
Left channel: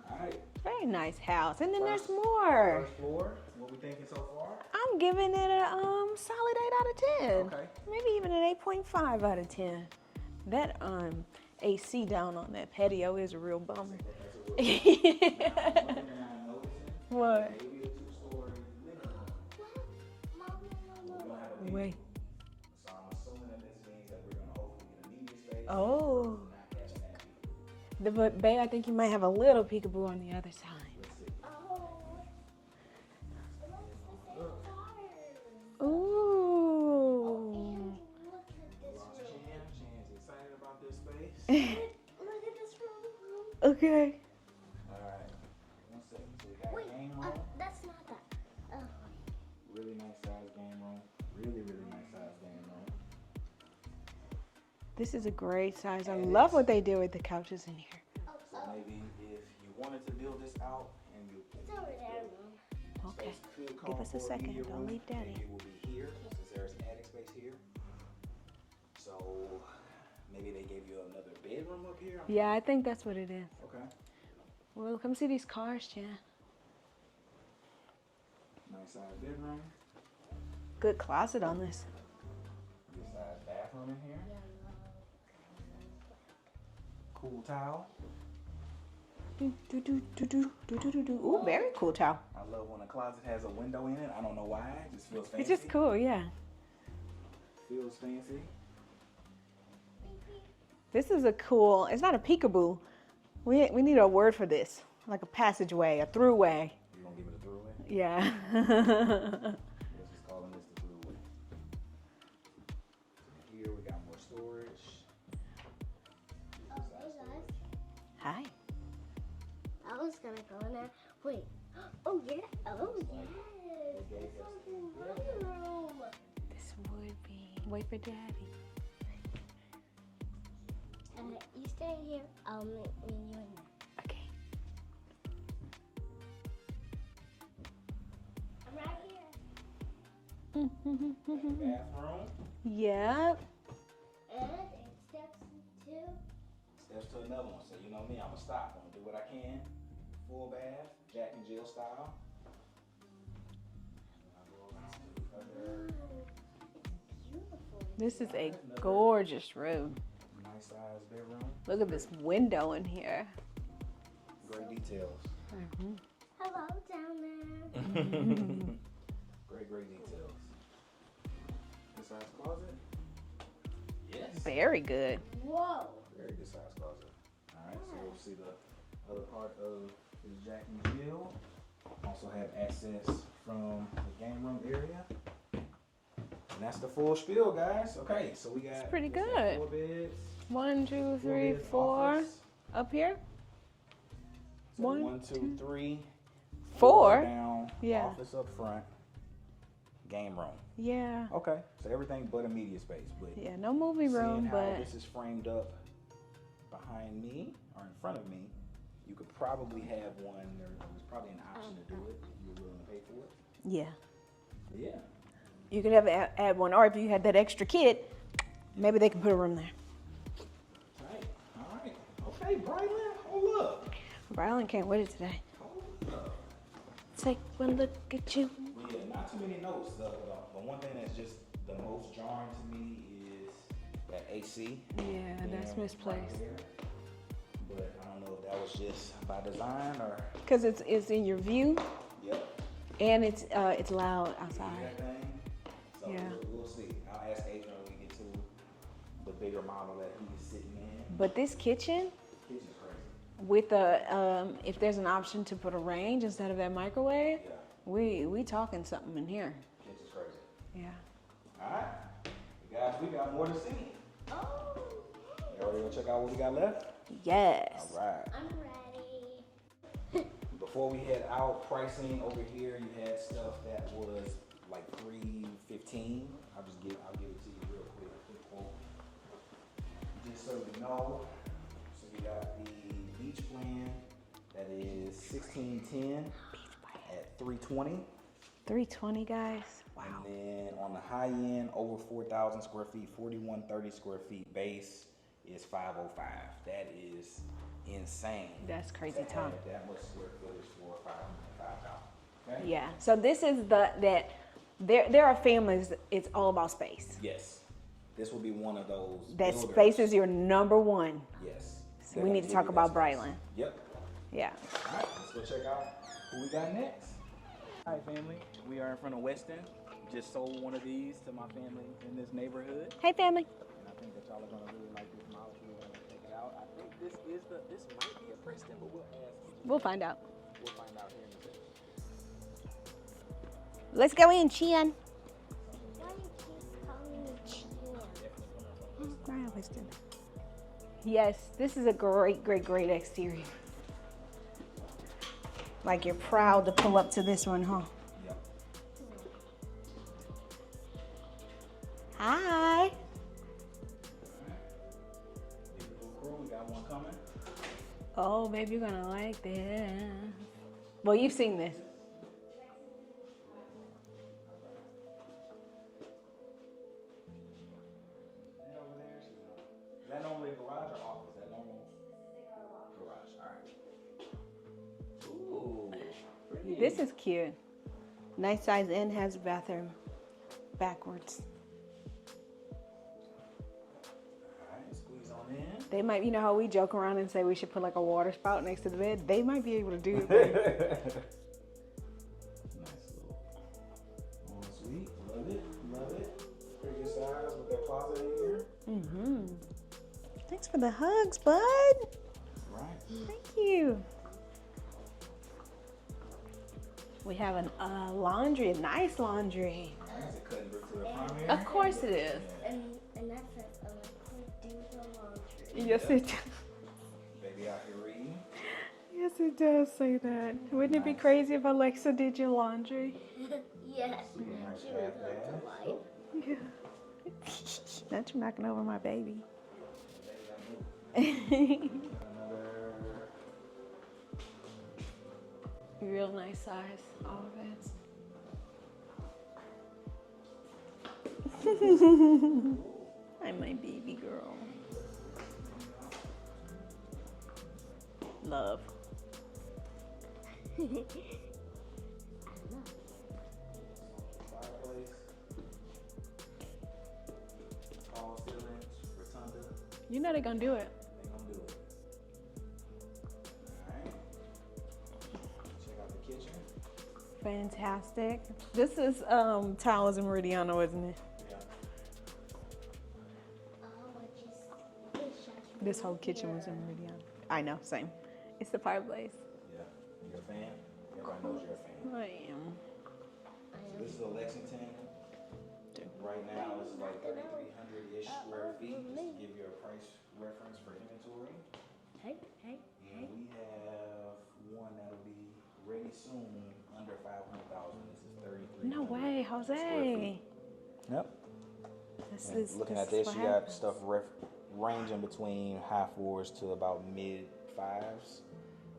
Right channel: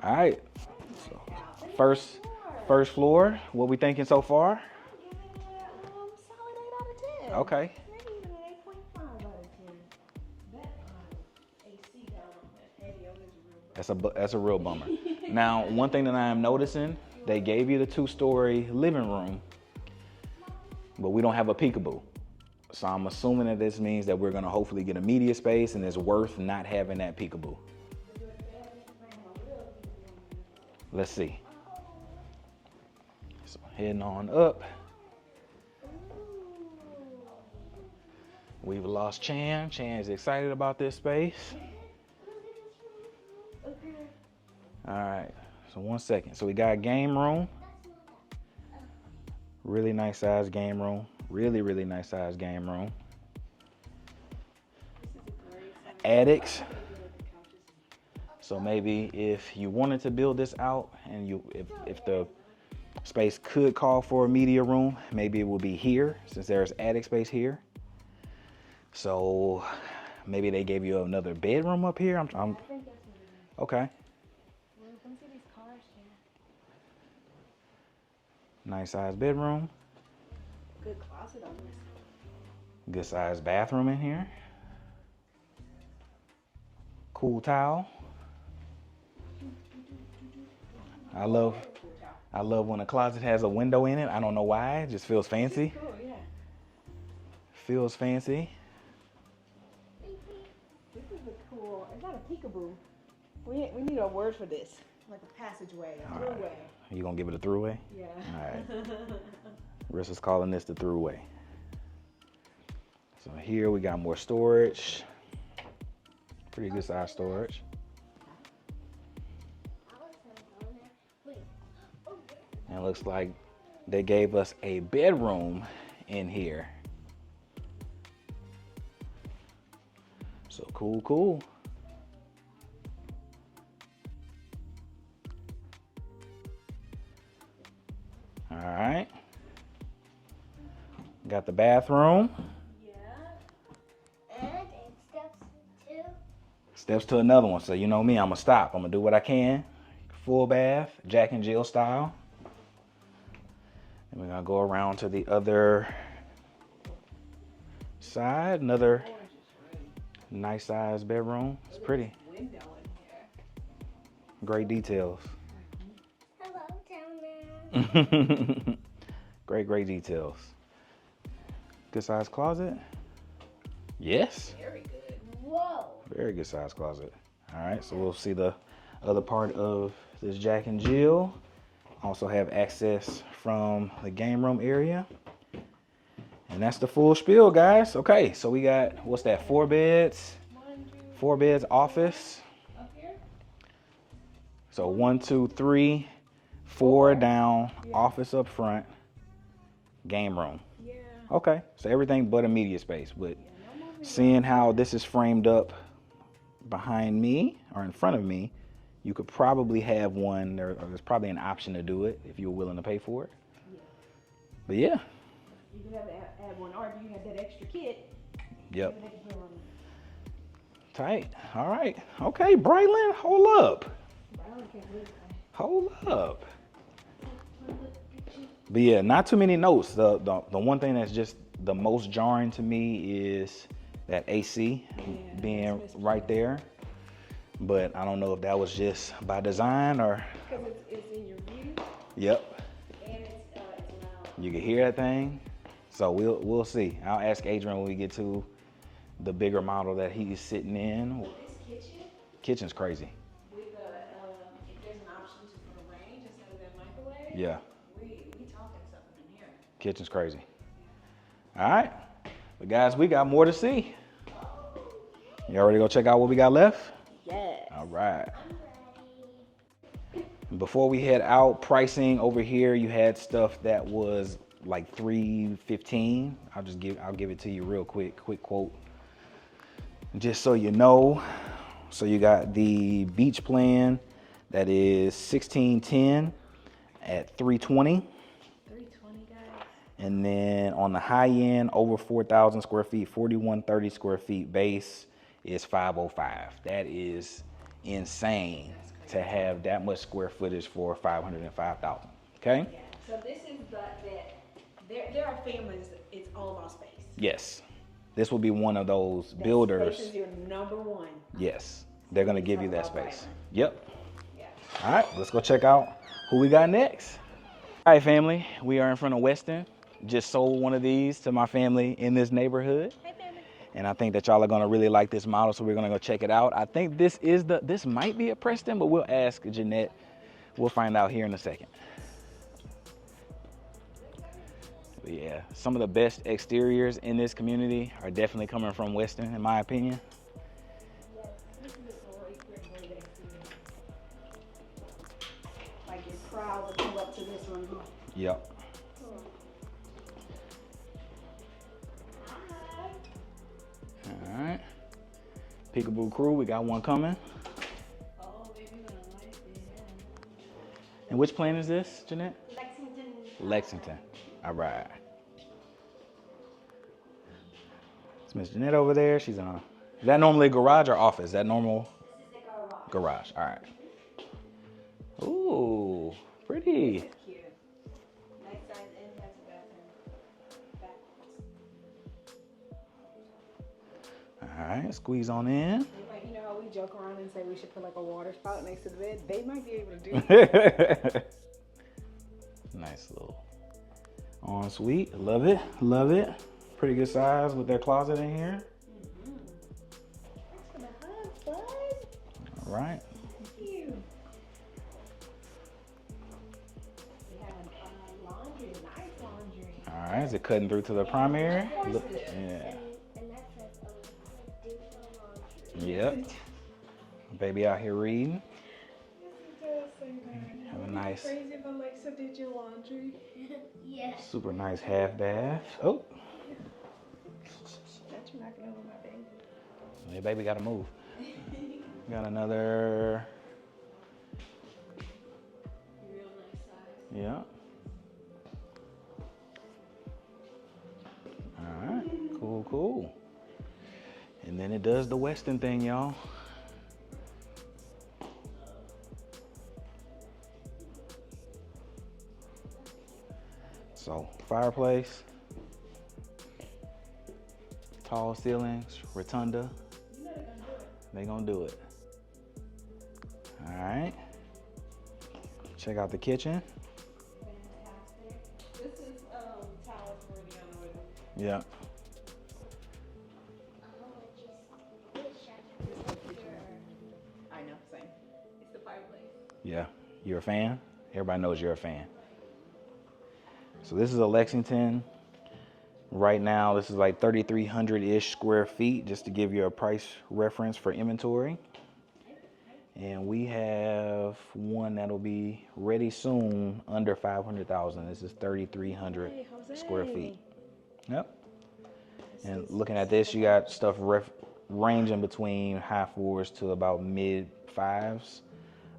All right. Very nice house. And then First- there's more. First floor. What we thinking so far? I'm giving it a solid 8 out of 10. Okay. Maybe even an 8.5 out of 10. That AC down on that patio is a real bummer. That's a real bummer. Now, one thing that I am noticing, they What? gave you the 2-story living room, but we don't have a peekaboo. So I'm assuming that this means that we're gonna hopefully get a media space and it's worth not having that peekaboo. But babe, I think you might have a little peekaboo on the other side. Let's see. So heading on up. Ooh. We've lost Chan. Chan is excited about this space. Okay. All right, so 1 second. So we got a game room. That's not that. Really nice size game room. Really, really nice size game room. This is a great size. Attic. I love what they did with the couches in here. So maybe if you wanted to build this out and if the Space could call for a media room. Maybe it will be here since there's attic space here. So maybe they gave you another bedroom up here. I think that's what it is. Okay. Well, come see these cars, Jen. Nice size bedroom. Good closet on this. Good size bathroom in here. Cool towel. Very cool towel. I love when a closet has a window in it. I don't know why. It just feels fancy. It's just cool, yeah. Feels fancy. This is a cool, it's not a peekaboo. We need a word for this. Like a passageway, a throughway. You gonna give it a throughway? Yeah. All right. Rissa's calling this the throughway. So here we got more storage. Pretty good size storage. Hi. I was gonna go in there. Wait. Oh yeah. It looks like they gave us a bedroom in here. Wait for Dad. So cool. You stay here. I'll meet you in there. Okay. All right. Got the bathroom. Yep. And it steps to. Steps to another one. So you know me, I'm gonna stop. I'm gonna do what I can. Full bath, Jack and Jill style. And we're gonna go around to the other side. Another gorgeous room. nice size bedroom. Look It's at pretty. this window in here. Great details. Hello down there. Great details. Good size closet. Yes. Very good. Whoa. Very good size closet. All right, so we'll see the other part of this Jack and Jill. Also have access from the game room area. And that's the full spiel, guys. Okay, so we got, what's that, 4 beds? 1, 2, 4 3, beds, 4. office. Up here? So 1, 1, 2, 3, 4 4 down, Yeah. office up front, game room. Yeah. Okay, so everything but a media space. But Yeah, no movie room. seeing how but- this is framed up behind me or in front of me, you could probably have one. There's probably an option to do it if you're willing to pay for it. Yeah. But yeah. You could have add one, or if you had that extra kid, Yep. maybe they can put a room there. Tight. All right. Okay, Brightland, hold up. Brightland can't wait today. Hold up. Take one look at you. But yeah, not too many notes. The one thing that's just the most jarring to me is that AC being that's right there. But I don't know if that was just by design or. Because it's in your view, Yep. and it's loud. You can outside. hear that thing. So Yeah. we'll see. I'll ask Adrian when we get to the bigger model that he's sitting in. But this kitchen, Kitchen's crazy. with a if there's an option to put a range instead of that microwave, Yeah. we talking something in here. Kitchen's crazy. Yeah. All right. But guys, we got more to see. You ready to go check out what we got left? Yes. All right. I'm ready. Before we head out, pricing over here, you had stuff that was like $315. I'll give it to you real quick quote. Just so you know. So you got the beach plan that is $1,610 at $320. 320, guys. And then on the high end, over 4,000 square feet, 4,130 square feet base is $505. That is insane. That's crazy to talk. have that much square footage for $505,000. Okay? Yeah. So this is that there are families. It's all about space. Yes. This will be one of those That builders. space is your number one. Yes. So They're we going to need to give you talk that about space. Brightland. Yep. Yeah. All right, let's go check out who we got next. All right, family, we are in front of Westin. Just sold one of these to my family in this neighborhood. Hey, family. And I think that y'all are gonna really like this model, so we're gonna go check it out. I think this might be a Preston, but we'll ask Jeanette. We'll find out. We'll find out here in a second. Let's go in, Chian. But yeah, some of the best exteriors in this community are definitely coming from Westin, in my opinion. Yes, this is a great exterior. Like you're proud to pull up to this one, huh? Yep. Hi. All right. Peekaboo crew, we got one coming. Oh, baby, you're gonna like that. Well, Which you've plane seen is it. this, Jeanette? Lexington Lexington. All right. It's Miss Jeanette over there. She's in a... Is that normally a garage or office? Is that normal? Garage. All right. Ooh, pretty. This is cute. Nice size and has a bathroom backwards. All right, squeeze on in. They might, you know how we joke around and say we should put like a water spout next to the bed? They might be able to do that. Nice little ensuite. Love it, love it. Pretty good size with their closet in here. Mm-hmm. Thanks for the hugs, bud. All right. Thank you. We have a laundry, a nice laundry. All right, is it cutting through to the primary? Of course it is. Yeah. And that says do the laundry. Yes, Yep. it does. Baby out here reading. Yes, it does say that. Wouldn't it be Nice. crazy if Alexa did your laundry? Yeah. Super nice half bath. Oh, Yeah. Not you knocking over my baby. yeah, baby gotta move. Got another. Real nice size. Yeah. All beds. Cool, cool. I'm my baby girl. And then it does the Westin thing, y'all. Love. So, fireplace, tall ceilings, rotunda. You know they're gonna do it. They gonna do it. All right. Check out the kitchen. Fantastic. This is Towers and Meridiano, isn't it? Yeah. This whole kitchen is in Meridiano. I know, same. It's the fireplace. Yeah. You're a fan? Everybody knows you're a fan. I am. So this is a Lexington. Right now, this is like 3,300-ish square feet, just to give you a price reference for inventory. And we have one that'll be ready soon, under 500,000. This is 3,300 No way, Jose. square feet. Yep. This And is looking at this, you slab. got stuff ranging between high fours to about mid fives.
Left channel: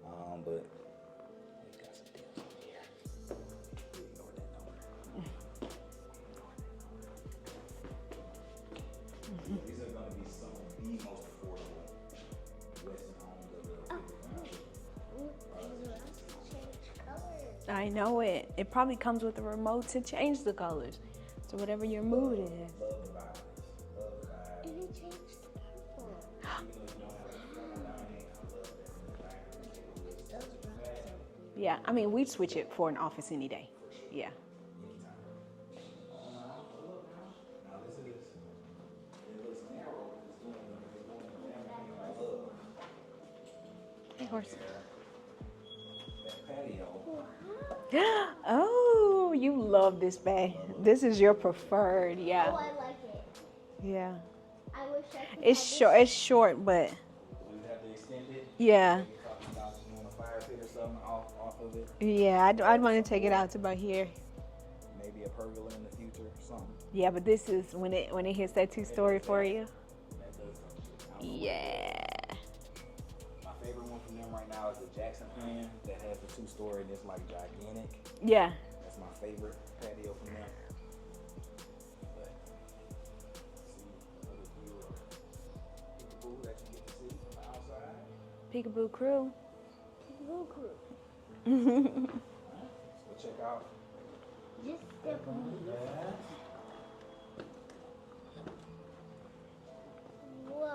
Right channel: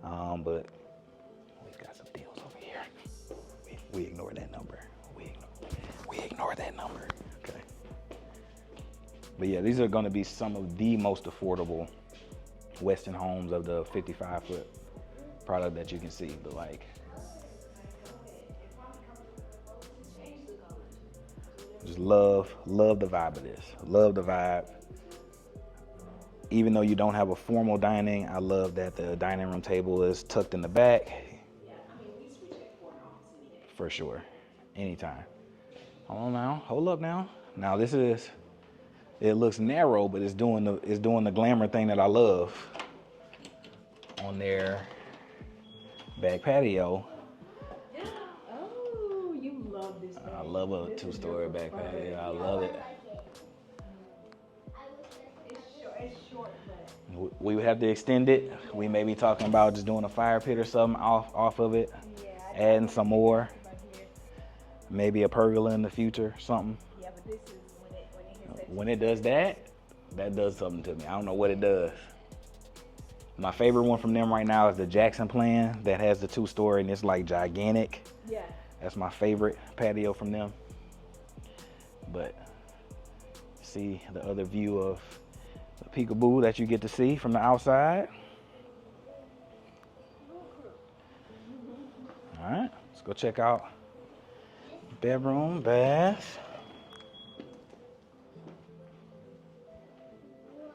But we got some deals over here. We ignore that number. We ignore that number. Okay. But yeah, these are going to be some of the most affordable Westin Homes of the 55-foot product that you can see. But like, I know it. It probably comes with a remote to change the colors. So whatever you're love the vibe of this. Love the vibe. Even though you don't have a formal dining, I love that the dining room table is tucked in the back. Yeah, I mean, we'd switch it for an office any day. For sure. Yeah. Anytime. Hold on now. Hold up now. Now this is, it looks narrow, but it's doing the glamour thing that I love on their back patio. Oh, you love this bag. I love a this is your two-story back preferred. patio. I Yeah. love it. Yeah. It's short. It's short, but We would have to extend it. Yeah. We may be talking about just doing a fire pit or something off of it. yeah, I Adding might some take it more. out to about here. Maybe a pergola in the future, something. Yeah, but this is when it hits that When it two-story does for that, you. that does something to me. I don't know what it does. My favorite one from them right now is the Jackson Plan that has the 2-story and it's like gigantic. Yeah. That's my favorite patio from them. But see the other view of the peekaboo that you get to see from the outside. Peekaboo crew. All right, let's go check out bedroom, bath. Whoa.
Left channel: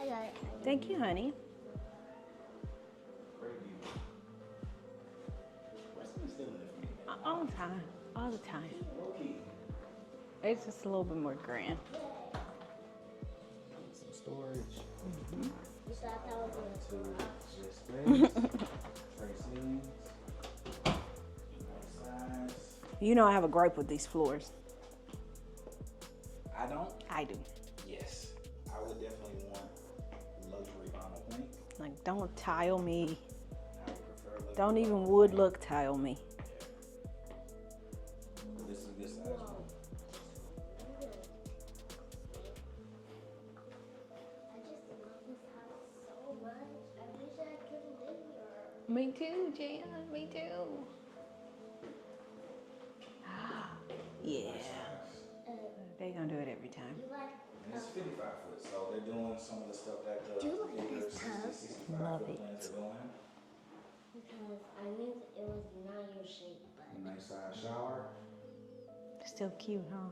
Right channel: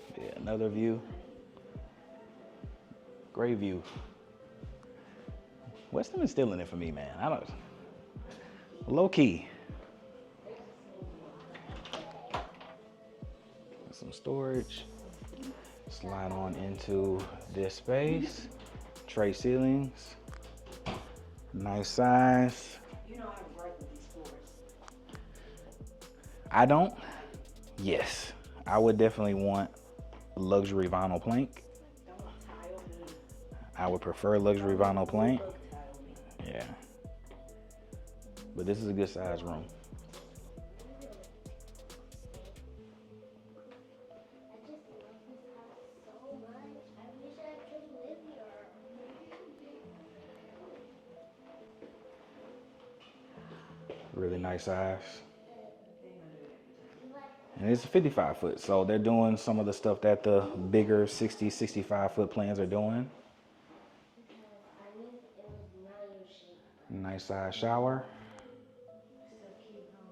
I got it. Another Thank view. you, honey. Great view. Westin is still in it for me, man. I All don't, the time. All the time. low key. It's just a little bit more grand. Some storage. Slide on into this space. Tray ceilings. Nice size. You know I have a gripe with these floors. I don't. I do. Yes, I would definitely want luxury vinyl plank. Like, don't tile me. I would prefer luxury Don't even vinyl wood plank. look tile me. Yeah. But this is a good size room. Me too, Jan. Me too. Really nice size. They're gonna do it every time. And it's a 55 foot, so they're doing some of the stuff that the bigger 60, 65 foot plans are doing. Because I knew it was not your shape. Nice size shower. Still cute, huh?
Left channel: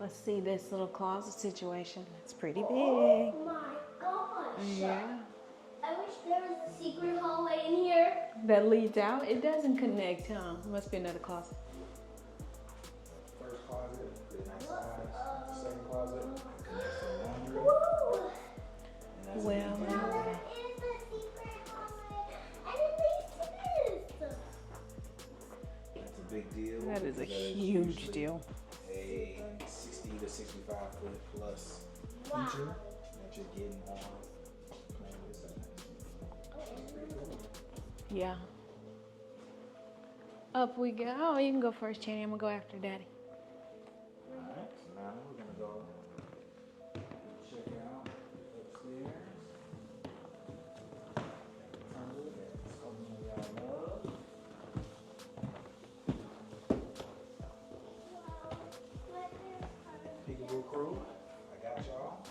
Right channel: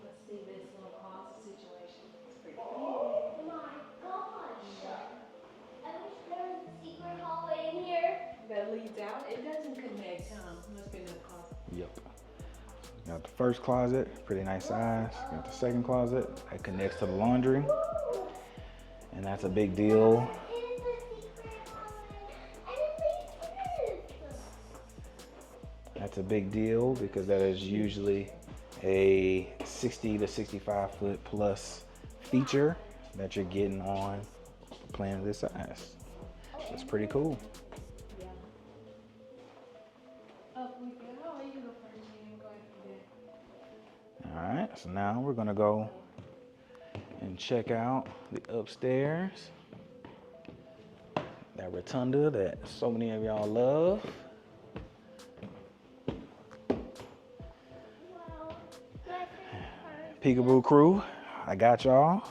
Let's see this little closet situation. It's pretty big. Oh my gosh. Yeah. I wish there was a secret hallway in here. That leads out. It doesn't connect, huh? Must be another closet. Yep. Got the first closet, pretty nice size. Got the second closet, that connects to the laundry. And that's a big deal. That's a big deal because that is usually a 60 to 65 foot plus feature that you're getting on a plan of this size. That's pretty cool. Yeah. Up we go. Oh, you can go first, Channy. I'm gonna go after Daddy. All right, so now we're gonna go and check out the upstairs. That rotunda that so many of y'all love. Peekaboo crew, I got y'all.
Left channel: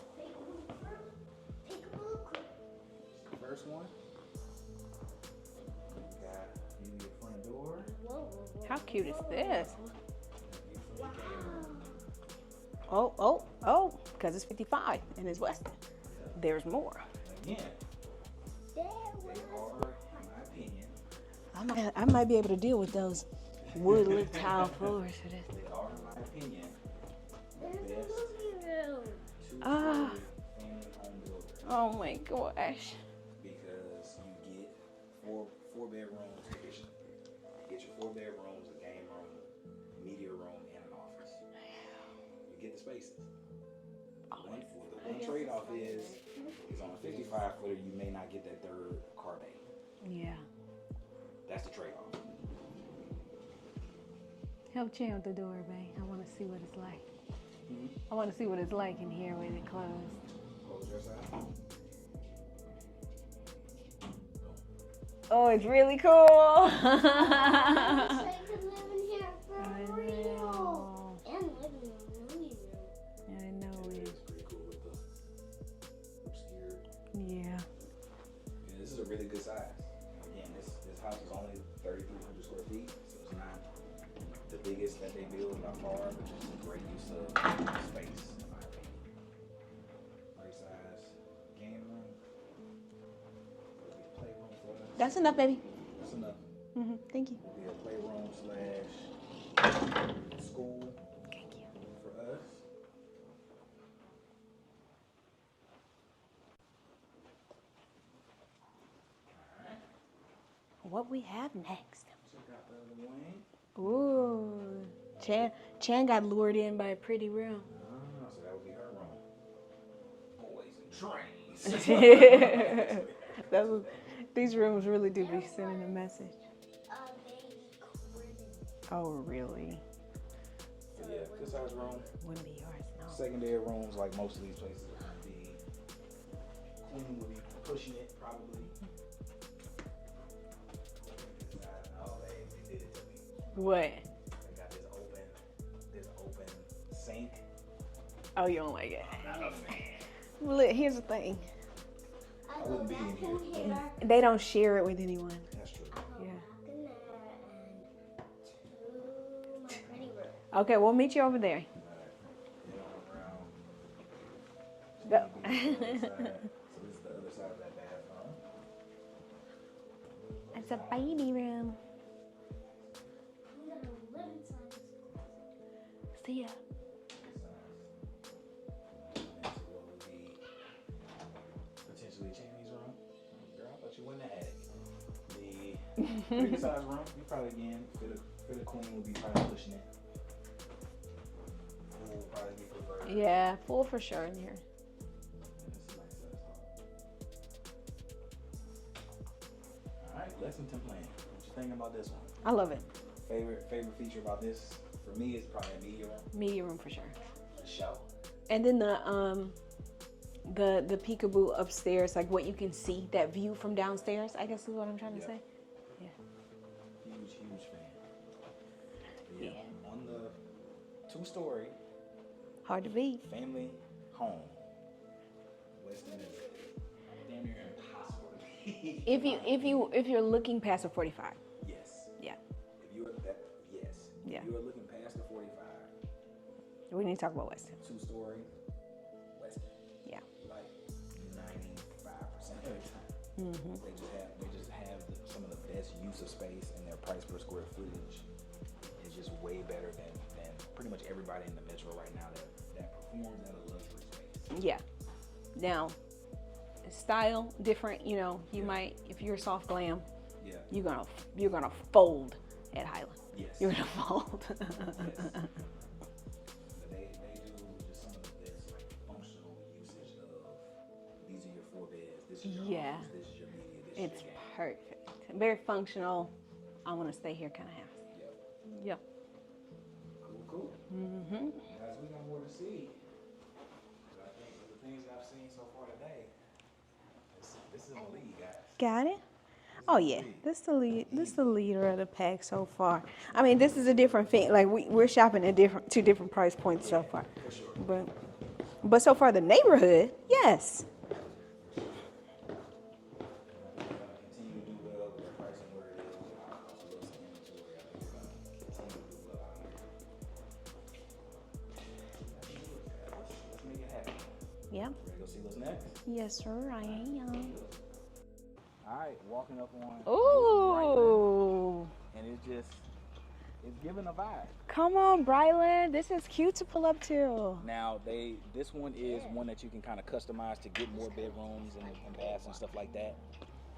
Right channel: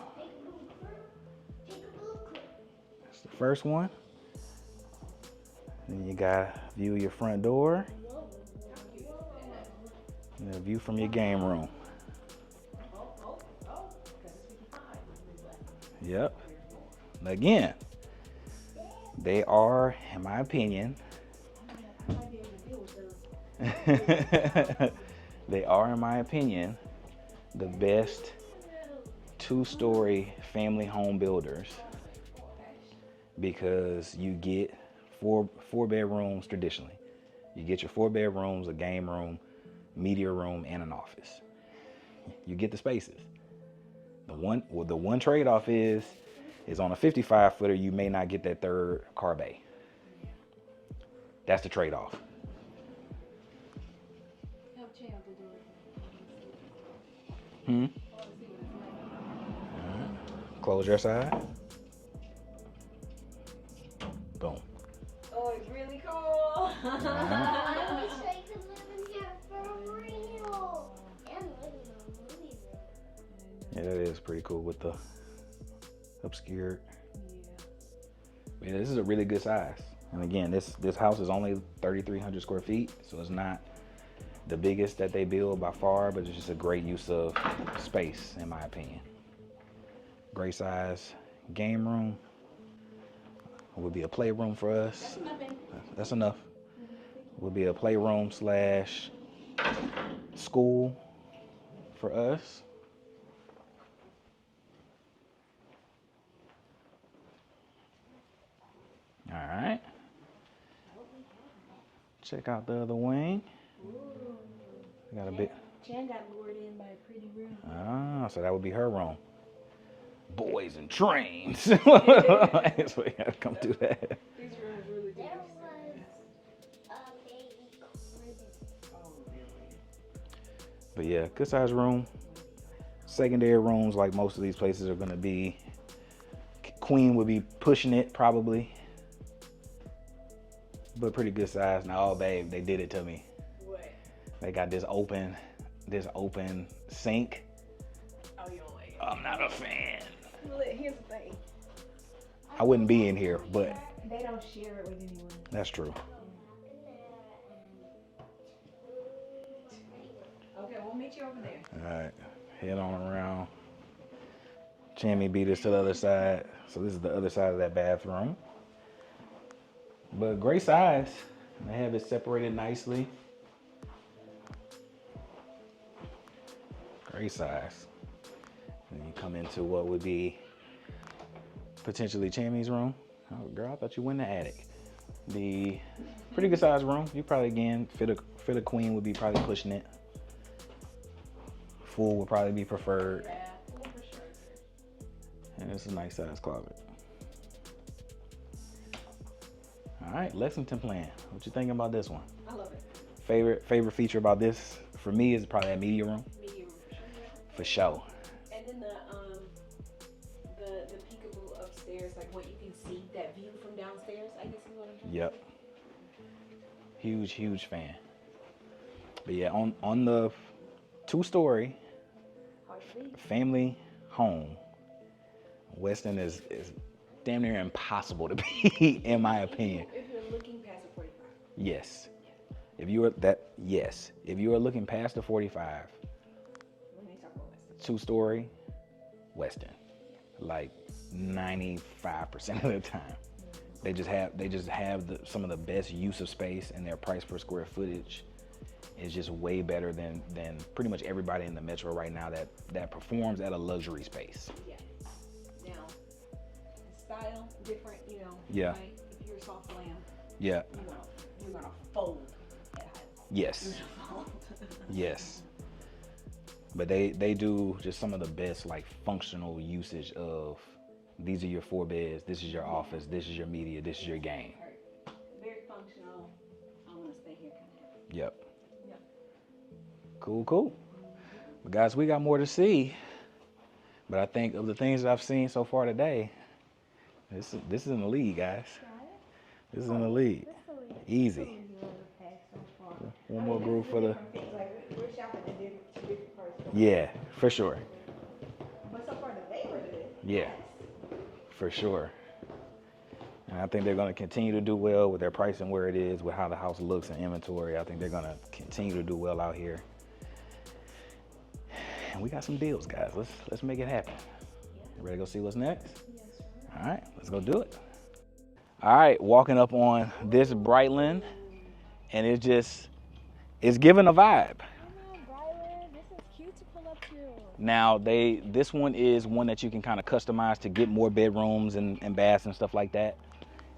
That's the first one. And you got view your front door. How cute is this? And a view from your game room. Oh, because it's 55 and it's Westin. Yep. There's more. Again, they are, in my opinion, I might be able to deal with those wood tile floors for this. They are, in my opinion, the best two-story family home builders. Oh my gosh. Because you get four bedrooms traditionally. You get your 4 bedrooms, a game room, media room, and an office. You get the spaces. The one trade-off is on a 55 footer you may not get that third car bay. Yeah. That's the trade-off. Help Chan with the door, babe. I want to see what it's like. I want to see what it's like in here when it closes. Close your side. Boom. Oh, it's really cool. I wish I could live in here for real. And live in a movie room. Yeah, that is pretty cool with the obscured. Yeah. Yeah, this is a really good size. And again, this house is only 3,300 square feet, so it's not the biggest that they build by far, but it's just a great use of space, in my opinion. Great size game room. Would be a playroom for us. That's enough, baby. That's enough. Thank you. Would be a playroom / school for us. All right. What we have next? Check out the other wing. Ooh. Chan got lured in by a pretty room. Ah, so that would be her room. Boys and trains. That's what you gotta come do that. These rooms really do be sending a message. Oh, really? But yeah, good size room. Secondary rooms, like most of these places, are gonna be. Queen would be pushing it probably, but pretty good size. Now, oh babe, they did it to me. What? They got this open sink. Oh, you don't like it? I'm not a fan. Well, look, here's the thing. I wouldn't be in here, but they don't share it with anyone. that's true. Yeah. Okay, we'll meet you over there. All right, head on around. Jamie beat us to the other side. So this is the other side of that bathroom. But great size. They have it separated nicely. See ya. Great size. And you come into what would be potentially Chammy's room. Oh, girl, I thought you went in the attic. The pretty good size room. You probably, again, fit a queen would be probably pushing it. Full would probably be preferred. Yeah, full for sure in here. And it's a nice size closet. All right, Lexington plan. What you thinking about this one? I love it. Favorite feature about this for me is probably a media room. Media room for sure. For sure. And then the peekaboo upstairs, like what you can see, that view from downstairs, I guess is what I'm trying to say. Huge fan. But yeah, on the 2-story Hard to beat. family home, Westin is damn near impossible to beat, in my opinion. If you're looking past the 45. Yes. Yeah. If you are looking past the 45, we need to talk about Westin. 2-story, Westin. Yeah. Like 95% of the time. They just have some of the best use of space, and their price per square footage is just way better than pretty much everybody in the metro right now that performs at a luxury space. Yeah. Now, style different, you know. You might, if you're soft glam, you're gonna fold at Highland. Yes. You're gonna fold. Yes. But they do just some of the best like functional usage of, these are your 4 beds, this is your office, this is your media, this is your game. Perfect. Very functional. I want to stay here kind of house. Yep. Yep. Cool. But guys, we got more to see. But I think of the things that I've seen so far today, this is in the lead, guys. Got it? This is in the lead. This is the lead. Easy. This is the leader of the pack so far. One I mean, more this is move a for different thing. Like we're shopping at two different price points so far. For sure. But so far the neighborhood, yes. For sure. And I think they're going to continue to do well with their pricing where it is, with how the house looks and inventory. I think they're going to continue to do well out here. And we got some deals, guys. Let's make it happen. Yeah. Ready to go see what's next? Yes, sir. All right, let's go do it. All right, walking up on this Brightland, and it's giving a vibe. Come on, Brightland. This is cute to pull up to. Now, this one is one that you can kind of customize to get more bedrooms and baths and stuff like that.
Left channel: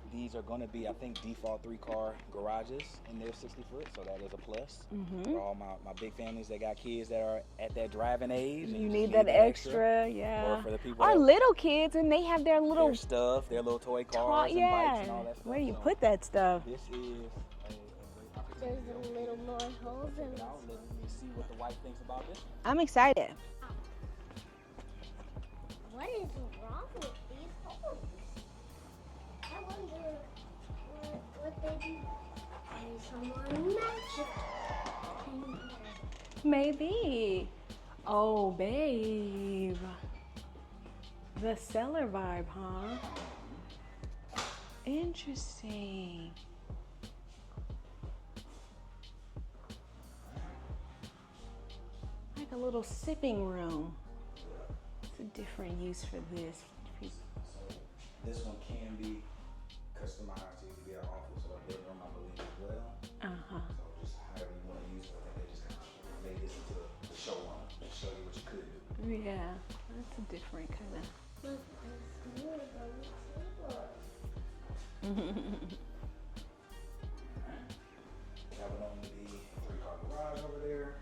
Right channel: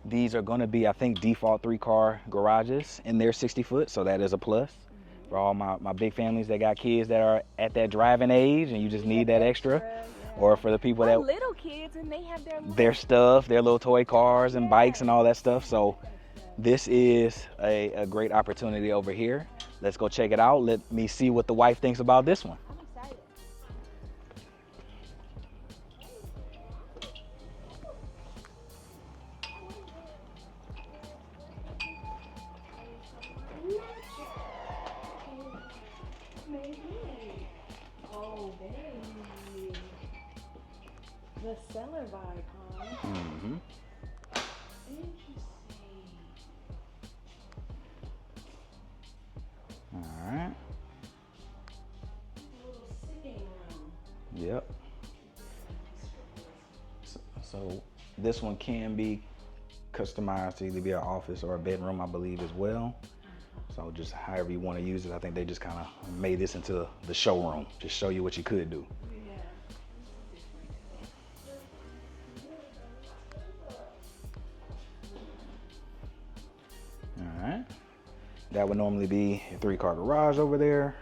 These are going to be, I think, default 3-car garages, and they're 60 foot, so that is a plus. For all my big families that got kids that are at that driving age, and you just need that extra. Yeah. Or for the people that little kids, and they have their stuff, their little toy cars and bikes and all that stuff. So put that stuff. This is a great opportunity over here. Let's go check it out. Let me see what the wife thinks about this one. I'm excited. What is wrong with these? I wonder what they do. Is someone magic? Maybe. Oh, babe. The cellar vibe, huh? Interesting. All right. Like a little sipping room. Yep. It's a different use for this. So this one can be customized to either be an office or a bedroom, I believe, as well. So just however you want to use it. I think they just kind of made this into the showroom, just show you what you could do. Yeah, that's a different kind All right. That would normally be a 3-car garage over there.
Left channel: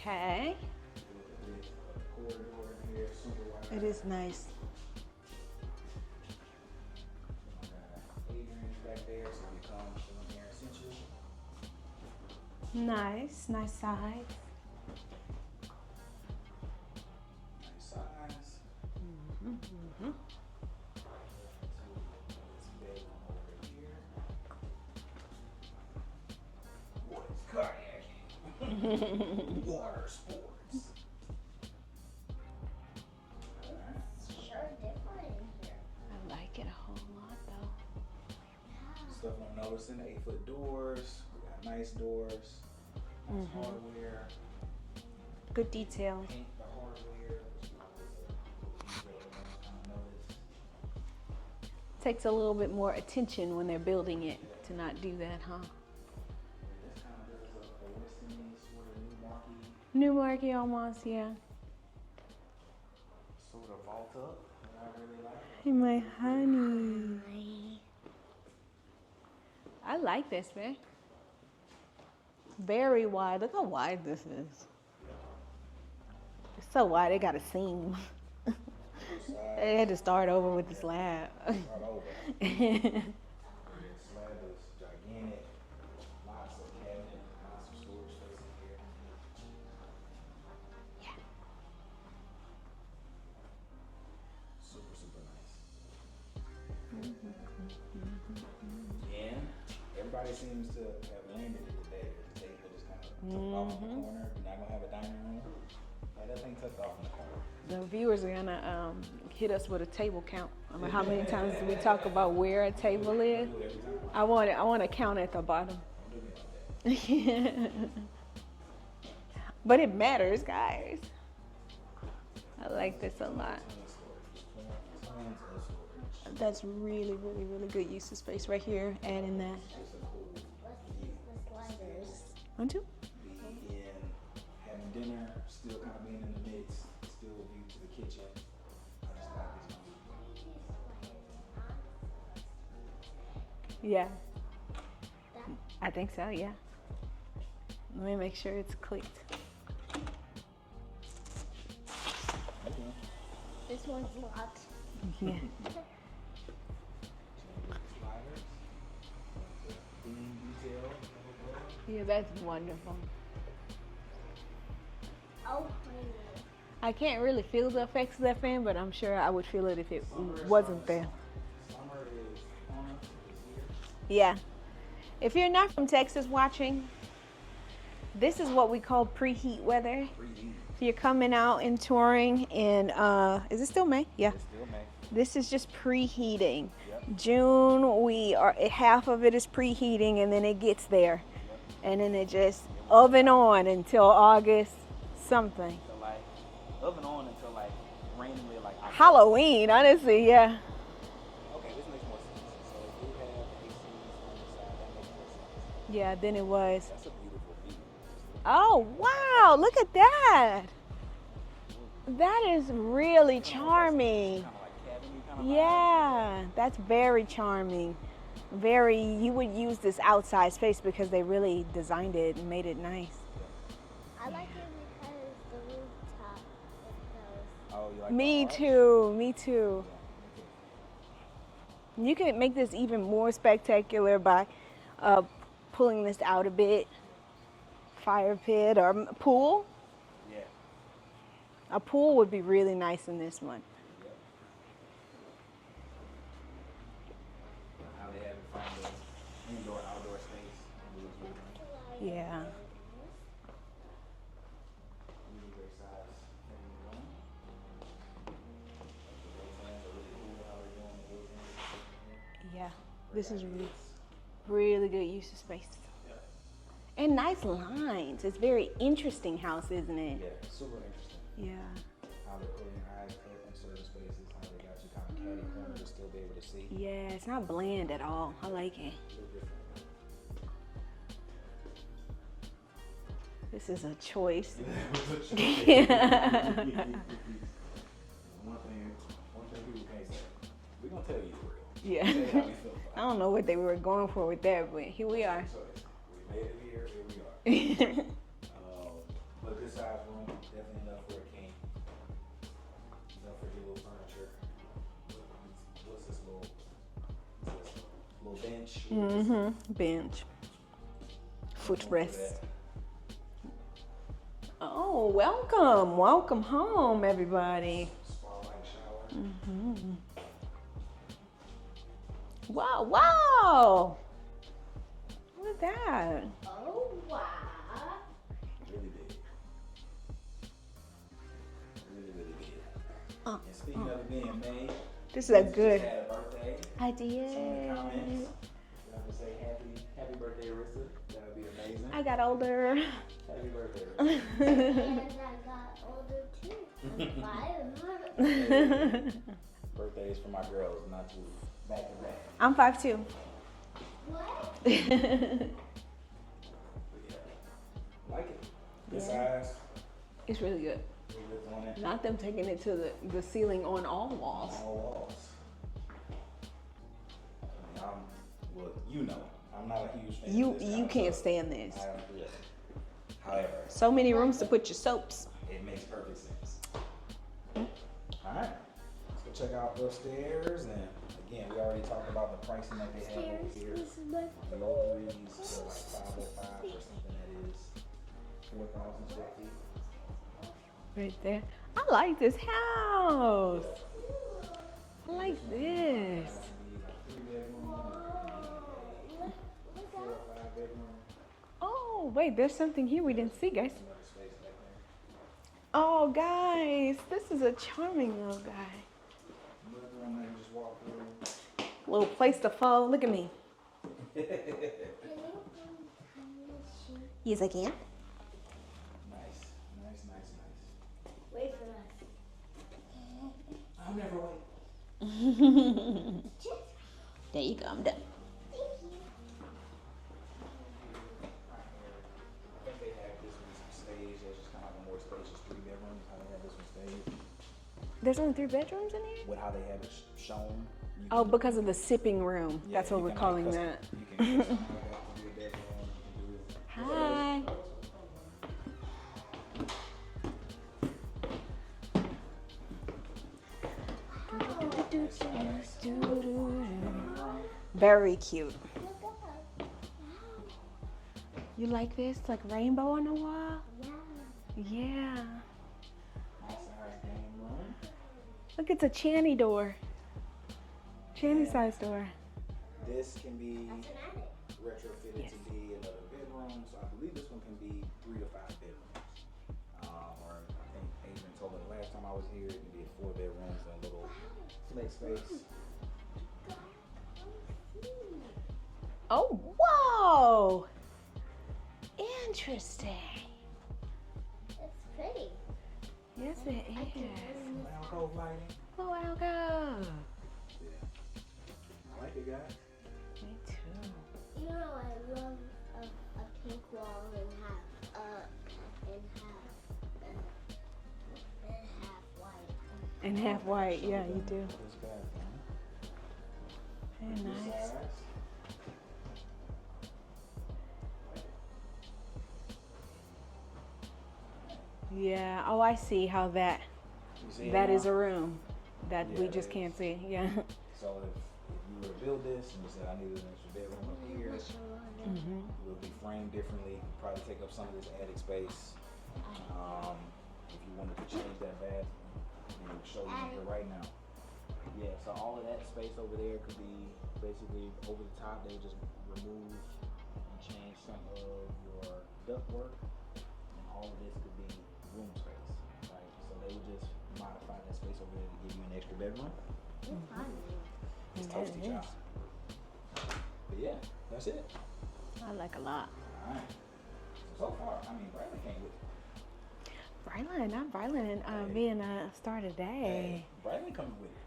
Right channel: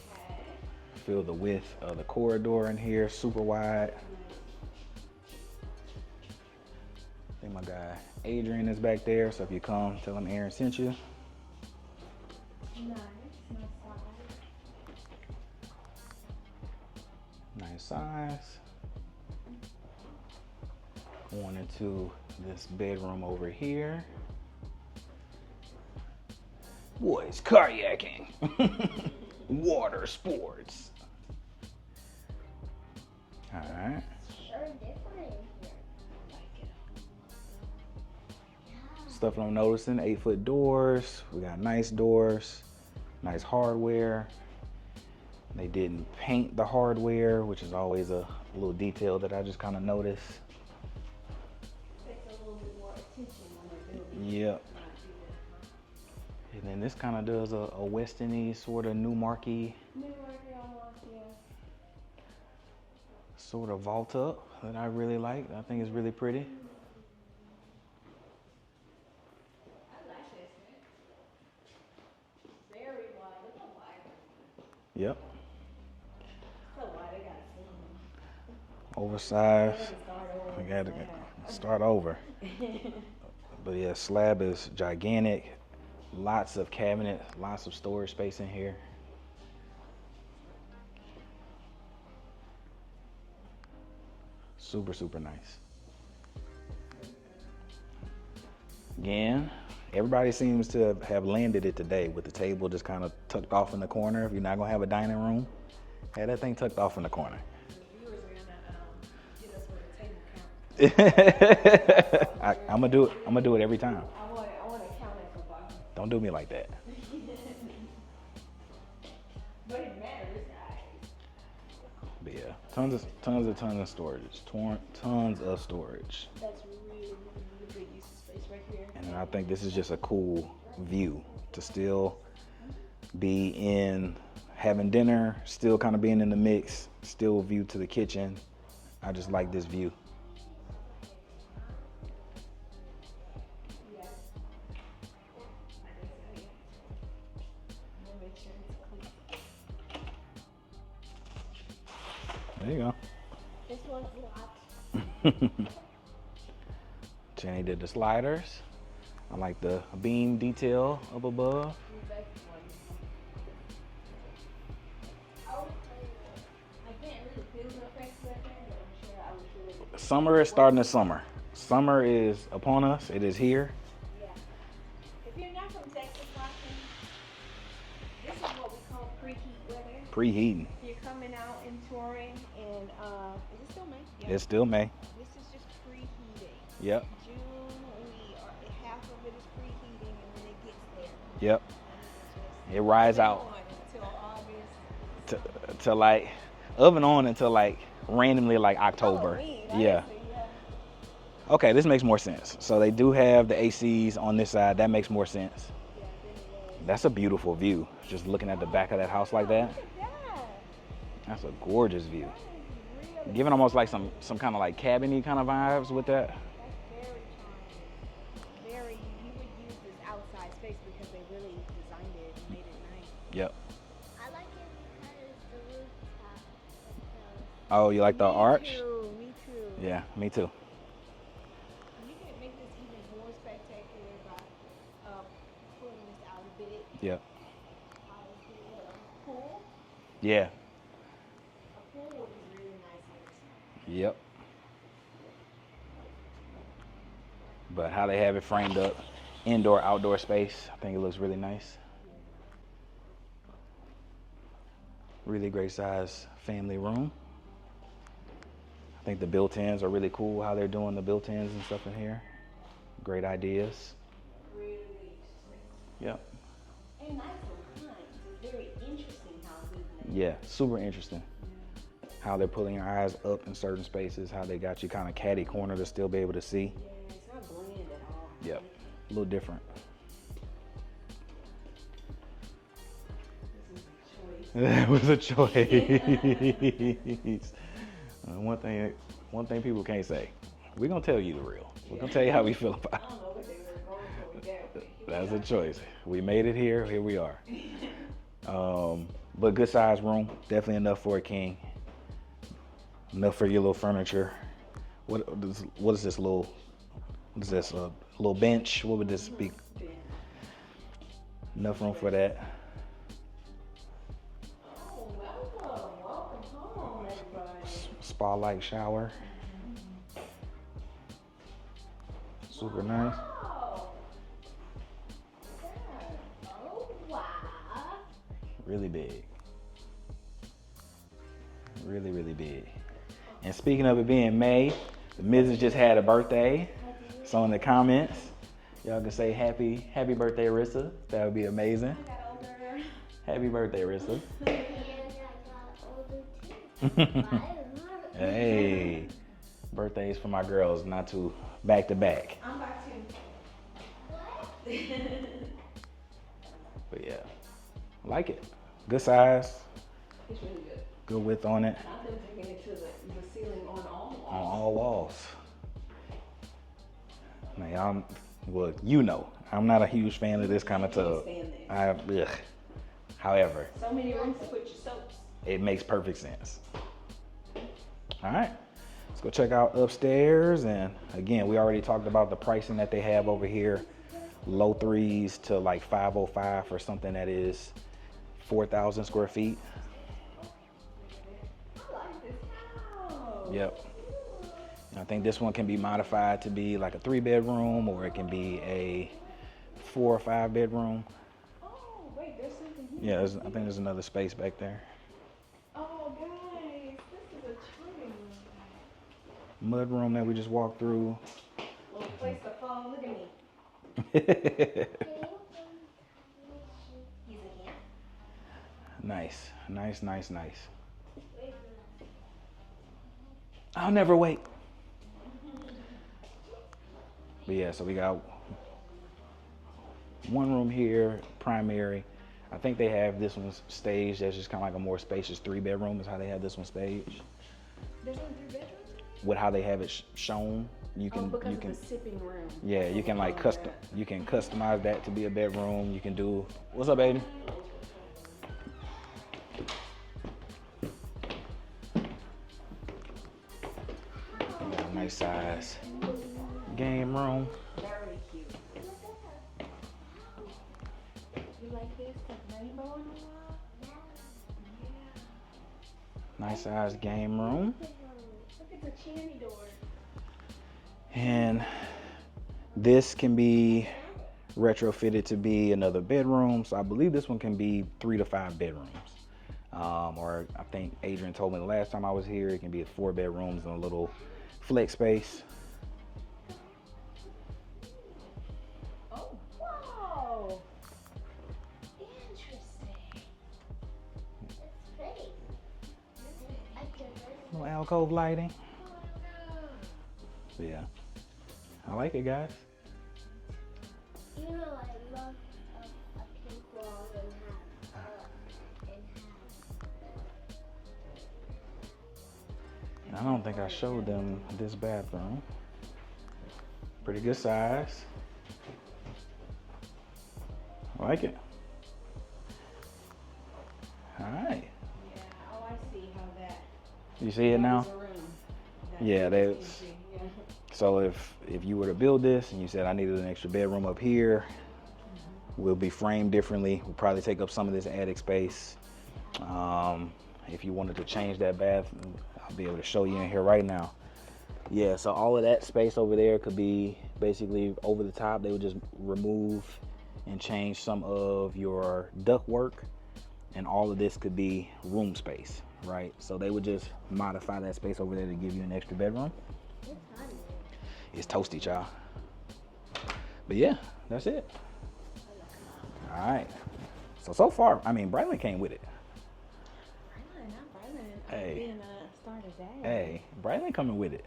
Okay. Feel the width of the corridor in here, super wide. It's nice. I think my guy Adrian is back there, so if you come, tell him Aaron sent you. Nice size. Nice size. Going into this bedroom over here. Boys kayaking. Water sports. All right. Sure different in here. I like it a whole lot though. Stuff I'm noticing, 8-foot doors. We got nice doors, nice hardware. Good They didn't detail. paint the hardware, which is always a little detail that I just kind of notice. Takes a little bit more attention when they're building it Yep. to not do that, huh? And then this kind of does a Westin-y sort of Newmark-y New market almost, yeah. sort of vault up that I really like. I think it's really pretty. I like this, man. Very wide. Look how wide this is. Yep. It's so wide, it got a seam. Oversized. They had to start over with the Gotta slab. Start over. But yeah, slab is gigantic. Lots of cabinets, lots of storage space in here. Yeah. Super, super nice. Again, Everybody seems to have landed it today with the table just kind of tucked off in the corner. If you're not gonna have a dining room, have that thing tucked off in the corner. The viewers are gonna hit us with a table count. How many times we talk about where a table is. I'm gonna do it every time. I want to count at the bottom. Don't do me like that. But it matters, guys. But yeah, I like this a lot. tons of storage. Tons of storage. That's really, really, really good use of space right here. And I think this is just a cool view to still be in, having dinner, still kind of being in the mix, still view to the kitchen. I just like this view. Yeah. I think so, yeah. Let me make sure it's clicked. There you go. This one's locked. Jenny did the sliders. I like the beam detail up above. Yeah, that's wonderful. Oh, I can't really feel the effects of that fan, but I'm sure I would feel it if it Summer is starting to summer. Summer is upon us. It is here. Yeah. If you're not from Texas watching, this is what we call preheat weather. Preheating. If you're coming out and touring in, is it still May? Yeah. It's still May. This is just preheating. Yep. June, half of it is preheating, and then it gets there. Yep. And then it just rides oven out. on until August something. Until like, oven on until like randomly like October. Halloween, honestly, yeah. Okay, this makes more sense. So they do have the ACs on this side. That makes more sense. Yeah, than it was. That's a beautiful view. Just looking at the back of that house like wow, that. look at that. That's a gorgeous view. That is really Giving charming. almost like some kind of like cabiny kind of vibes with that. That's very charming. You would use this outside space because they really designed it and made it nice. Yep. I like it because the rooftop. Oh, you like the arch? Me too. Yeah, me too. You can make this even more spectacular by pulling this out a bit. Yep. Fire pit or pool. Yeah. A pool would be really nice in this one. Yep. But how they have it framed up, indoor, outdoor space, I think it looks really nice. Yeah. Really great size family room. I think the built-ins are really cool, how they're doing the built-ins and stuff in here. Yeah. Great ideas. Really good use of space. Yep. And nice lines. It's very interesting house, isn't it? Yeah, super interesting. Yeah. How they're pulling your eyes up in certain spaces, how they got you kind of catty corner to still be able to see. Yeah, it's not bland at all. I like it. A little different. This is a choice. That was a choice. One thing people can't say. We're gonna tell you the real. Yeah. We'll tell you how we feel about it. I don't know what they were going for with that, but here we are. That's a choice. We made it here. Here we are. But good size room. Definitely enough for a king. Enough for your little furniture. What is this little? What is this? A little bench? What would this be? Bench. Enough room for that. Oh, welcome home, everybody. Spa-like shower. Wow, Super wow. Look at that. Oh, wow. Really big. Really, really big. And speaking of it being May, Mrs. just had a birthday. I did. So in the comments, y'all can say happy birthday, Arissa. That would be amazing. I got older. Happy birthday, Arissa. And I got older too. Hey, birthdays for my girls, not too back to back. I'm 5'2". What? But yeah, like it. Good size, It's really good. good width on it. Not them taking it to the ceiling on all On walls. all walls. Man, I'm not a huge fan of this kind of tub. You can't stand this. Ugh. However, So many rooms to put your soaps. it makes perfect sense. All right, let's go check out upstairs. And again, we already talked about the pricing that they have over here. Low threes to like 505 for something that is 4,000 square feet. Right there. I like this house. Yep. I think this one can be modified to be like a 3-bedroom, or it can be a 4 or 5 bedroom. Oh, wait, there's something here we Yeah, didn't I see, think guys. there's another space back there. Oh, guys, this is a charming little guy. Mud room that we just walked through. Little place to fall. Look at me. Yes, I can. Nice, nice, nice, nice. Wait for us. I'll never wait. There you Yeah, go. so we got one room here, primary. I think they have this one staged as just kind of like a more spacious 3-bedroom is how they have this one staged. There's only 3 bedrooms in here? With how they have it shown. You Oh, because of the sipping room. Yeah, That's what you can we're like calling that. you can customize that to be a bedroom. You can do, what's up, baby? Hi. Nice size game room. Very cute. You like this? Like rainbow on the wall? Yeah. Nice size game room. Look, it's a channy door. Channy And size door. this can be retrofitted to be another bedroom. So I believe this one can be 3 to 5 bedrooms. Or I think Adrian told me the last time I was here, it can be 4 bedrooms and a little flex space. Oh, whoa! Interesting. It's pretty. Yes, it is. Little alcove lighting. Oh, alcove. Yeah, I like it, guys. Me too. You know, I love a pink wall and have white. And I half don't think white. I showed yeah, them you do. this bathroom. Pretty good size. I like it. All right. Yeah. Oh, I see how that. You see it That now? is a room. That Yeah, you just that's- can't see. Yeah. So if you were to build this and you said I needed an extra bedroom up here, we'll be framed differently. We'll probably take up some of this attic space. If you wanted to change that bath, I'll be able to show you in here right now. Yeah, so all of that space over there could be basically over the top. They would just remove and change some of your ductwork, and all of this could be room space, right? So they would just modify that space over there to give you an extra bedroom. It's toasty, y'all. But yeah, that's it. I like a lot. All right. So far, I mean, Brightland came with it. Brightland, not Brightland. Hey. Being a star today. Hey, Brightland coming with it.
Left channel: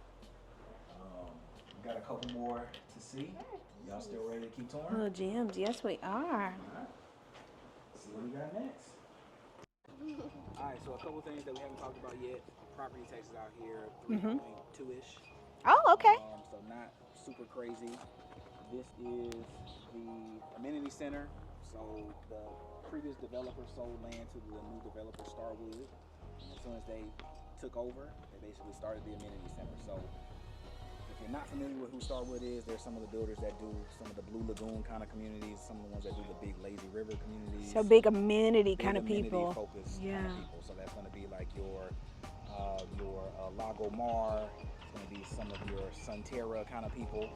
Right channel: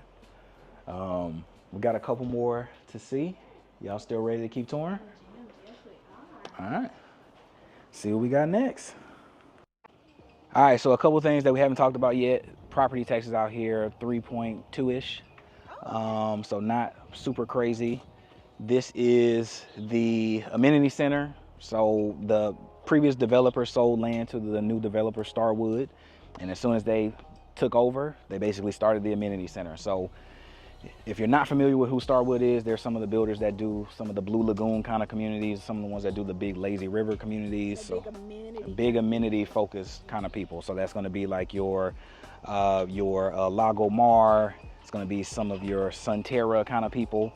We got a couple more to see. Y'all still ready to keep touring? Little gems. Yes, we are. All right. See what we got next. All right, so a couple things that we haven't talked about yet. Property taxes out here, 3.2-ish. Oh, okay. So not super crazy. This is the amenity center. So the previous developer sold land to the new developer, Starwood. And as soon as they took over, they basically started the amenity center. So if you're not familiar with who Starwood is, there's some of the builders that do some of the Blue Lagoon kind of communities, some of the ones that do the big lazy river communities. So big amenity. Big kind of amenity people. focused kind of Yeah. people. So that's going to be like your Lago Mar. It's going to be some of your Sunterra kind of people.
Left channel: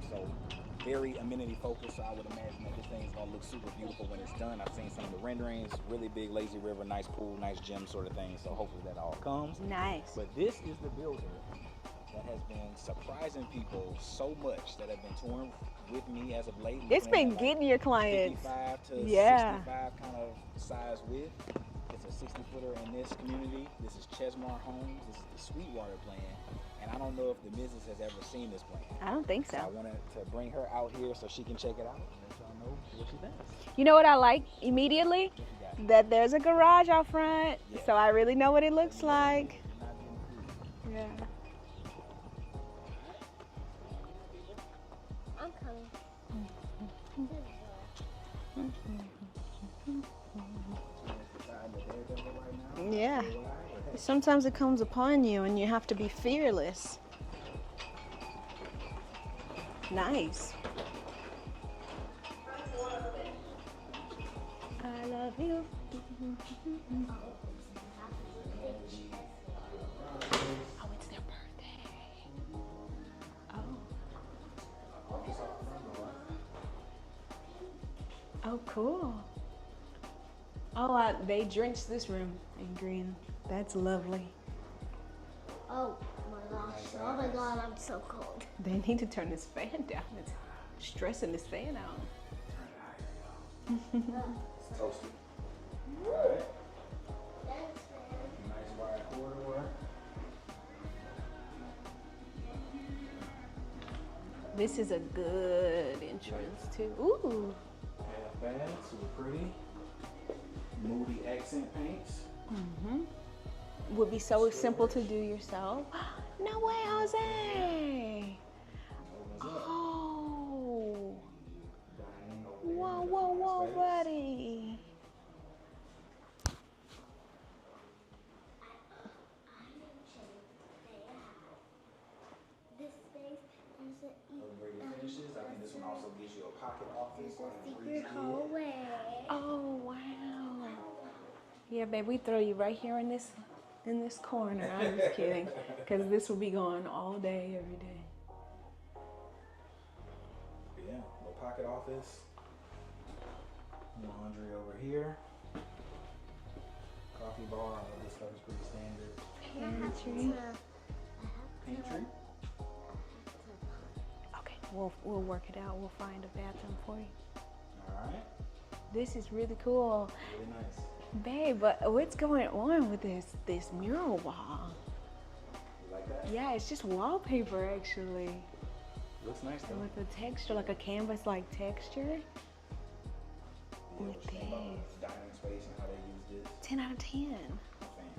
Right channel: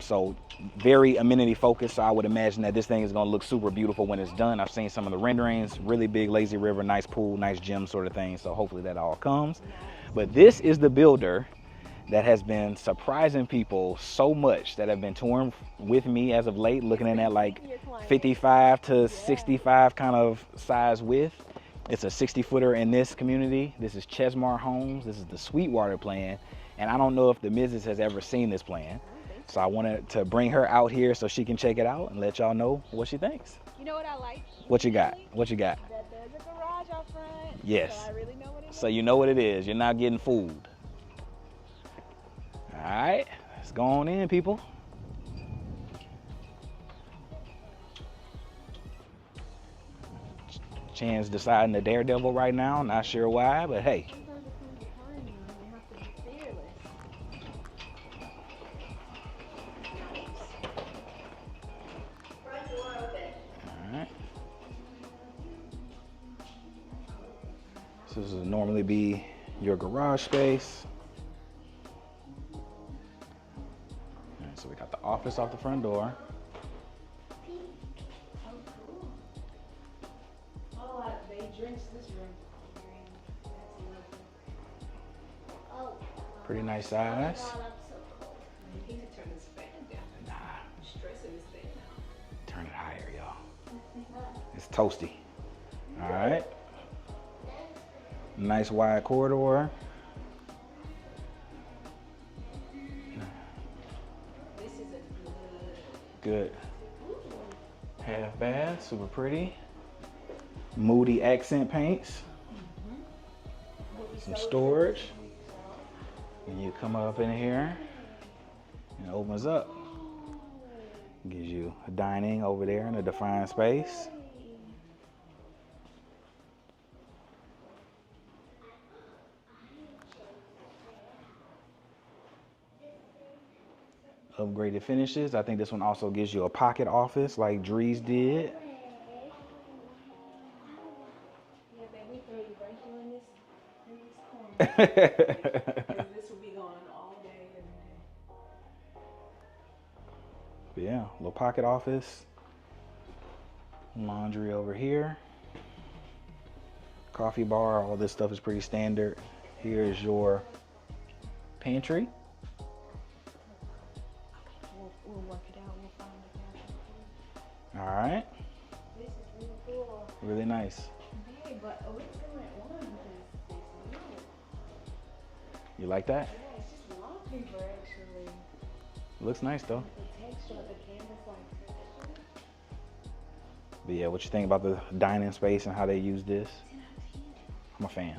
So very amenity focused. So I would imagine that this thing is going to look super beautiful when it's done. I've seen some of the renderings, really big lazy river, nice pool, nice gym sort of thing. So hopefully that all comes. Nice. But this is the builder that has been surprising people so much that have been touring with me as of late, looking been at like getting your clients. 55 to Yeah. 65 kind of size width. It's a 60-footer in this community. This is Chesmar Homes. This is the Sweetwater plan. And I don't know if the missus has ever seen this plan. I don't think So I wanted to bring her out here so she can check it out and let y'all know what she thinks. You know what I like What you got? immediately? What you got? That there's a garage out front. Yes. So I really know what it looks So like. you know what it is. You're not getting fooled. Yeah. All right, let's go on in, people. I'm coming. Chan's deciding the daredevil right now. Not Yeah. sure why, but hey. Sometimes it comes upon you and you have to be fearless. Nice. All right. I love you. So this would normally be your garage space. So we got the office off the front door. Oh, cool. Oh, they drenched this room in green. That's lovely. Oh. Pretty nice size. Oh God, I'm so cold. They need to turn this fan down. It's stressing this fan out. Turn it higher, y'all. It's toasty. All right. Nice wide corridor. This is a good entrance too. Ooh. Half bath, super pretty. Moody accent paints. Mm-hmm. Would be so Storage. simple to do yourself. No You way, come up in here. Jose. And it opens up. Oh. Gives you a dining over there in a Whoa, defined whoa, space. buddy. Upgraded finishes. I think this one also gives you a pocket office like Drees did. Oh wow. Yeah, babe, we throw you right here in this corner. Because this will be going all day, every day. But yeah, little pocket office. Laundry over here. Coffee bar. All this stuff is pretty standard. Here is your pantry. Okay, we'll work it out. We'll find a bathroom for you. All right. This is really cool. Really nice. Babe, but what's going on with this mural wall? You like that? Yeah, it's just wallpaper actually. Looks nice though. Like a texture, like a canvas-like texture. But yeah, what you think about the dining space and how they use this? 10 out of 10. I'm a fan.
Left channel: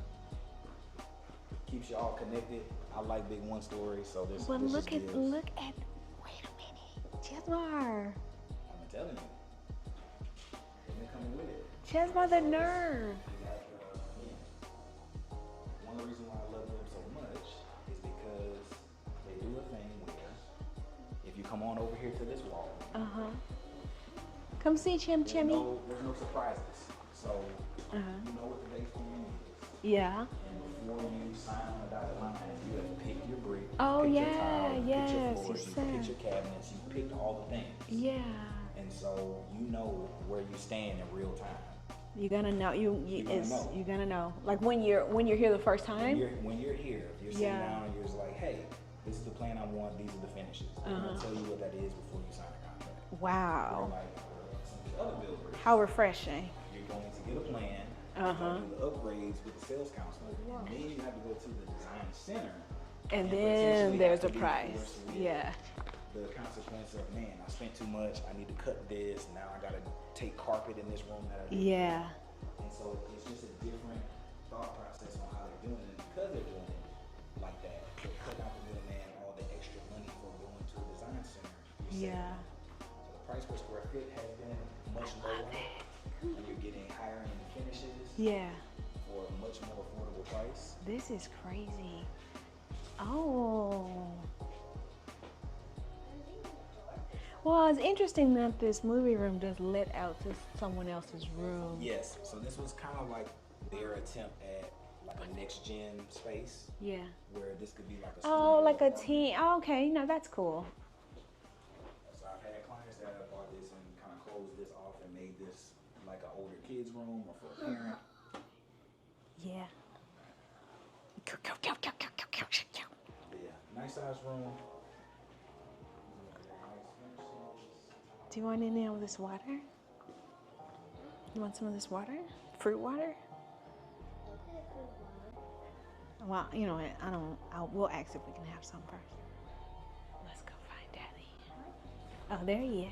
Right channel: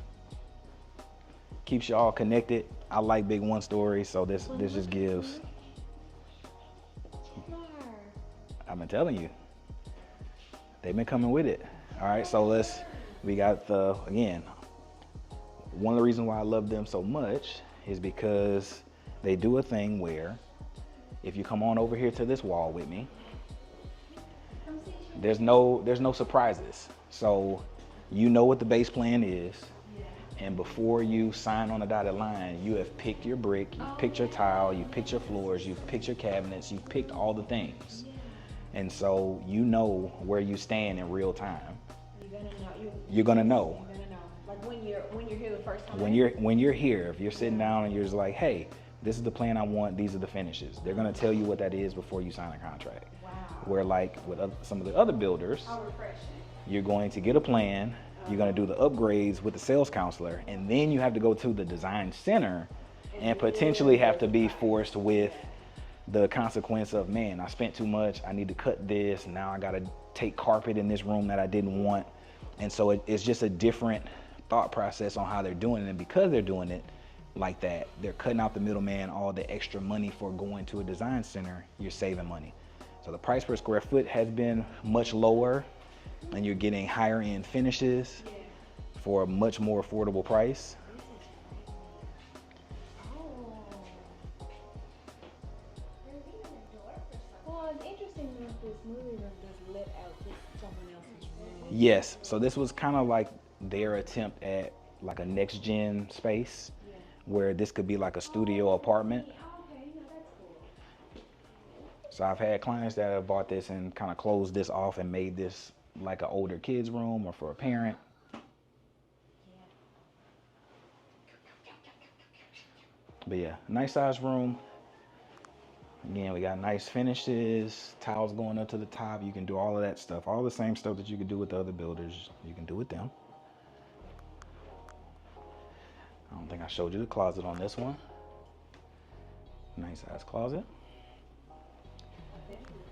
Keeps you all connected. I like big one stories, so this just gives. Look at, wait a minute, Chesmar. I've been telling you. They've been coming with it. Chesmar, All right, so the nerve. we got again, one of the reasons why I love them so much is because they do a thing where if you come on over here to this wall with me, Come see Chim there's Chim. no surprises. So you know what the base plan is. Yeah. And before you sign on the dotted line, you have picked your brick, you've Oh, picked your yeah, tile, you've picked your yes, floors, you you've said. picked your cabinets, you've picked all the things. Yeah. And so you know where you stand in real time. You're gonna know. You're gonna know. You're gonna know. Like when you're here the first time. When you're here, if you're sitting Yeah. down and you're just like, hey, this is the plan I want, these are the finishes. They're gonna tell you what that is before you sign a contract. Wow. Where like with some of the other builders, How refreshing. you're going to get a plan, you're gonna do the upgrades with the sales counselor, and then you have to go to the design center and then potentially have there's to a be price. forced with Yeah. the consequence of, man, I spent too much, I need to cut this, now I gotta take carpet in this room that I didn't Yeah. want. And so it's just a different thought process on how they're doing it. And because they're doing it like that, they're cutting out the middleman, all the extra money for going to a design center, you're saving money. So the price per square foot has been much lower and you're getting higher end finishes Yeah. for a much more affordable price. This is crazy. Oh. Well, it's interesting that this movie room does let out to someone else's room. Yes, so this was kind of like their attempt at like a next gen space. Yeah. Where this could be like a studio like apartment. Okay, no, that's cool. So I've had clients that have bought this and kind of closed this off and made this like an older kid's room or for a parent. Yeah. But yeah, nice size room. Again, we got nice finishes, towels Do you going want up to any the of this top. You can water? do all of that stuff. All the same stuff that you could do with the other builders. You can Fruit do with them. water? Wow, I think I showed you the closet on this we'll one. ask if we can have some first. Nice size closet. Oh, there he is.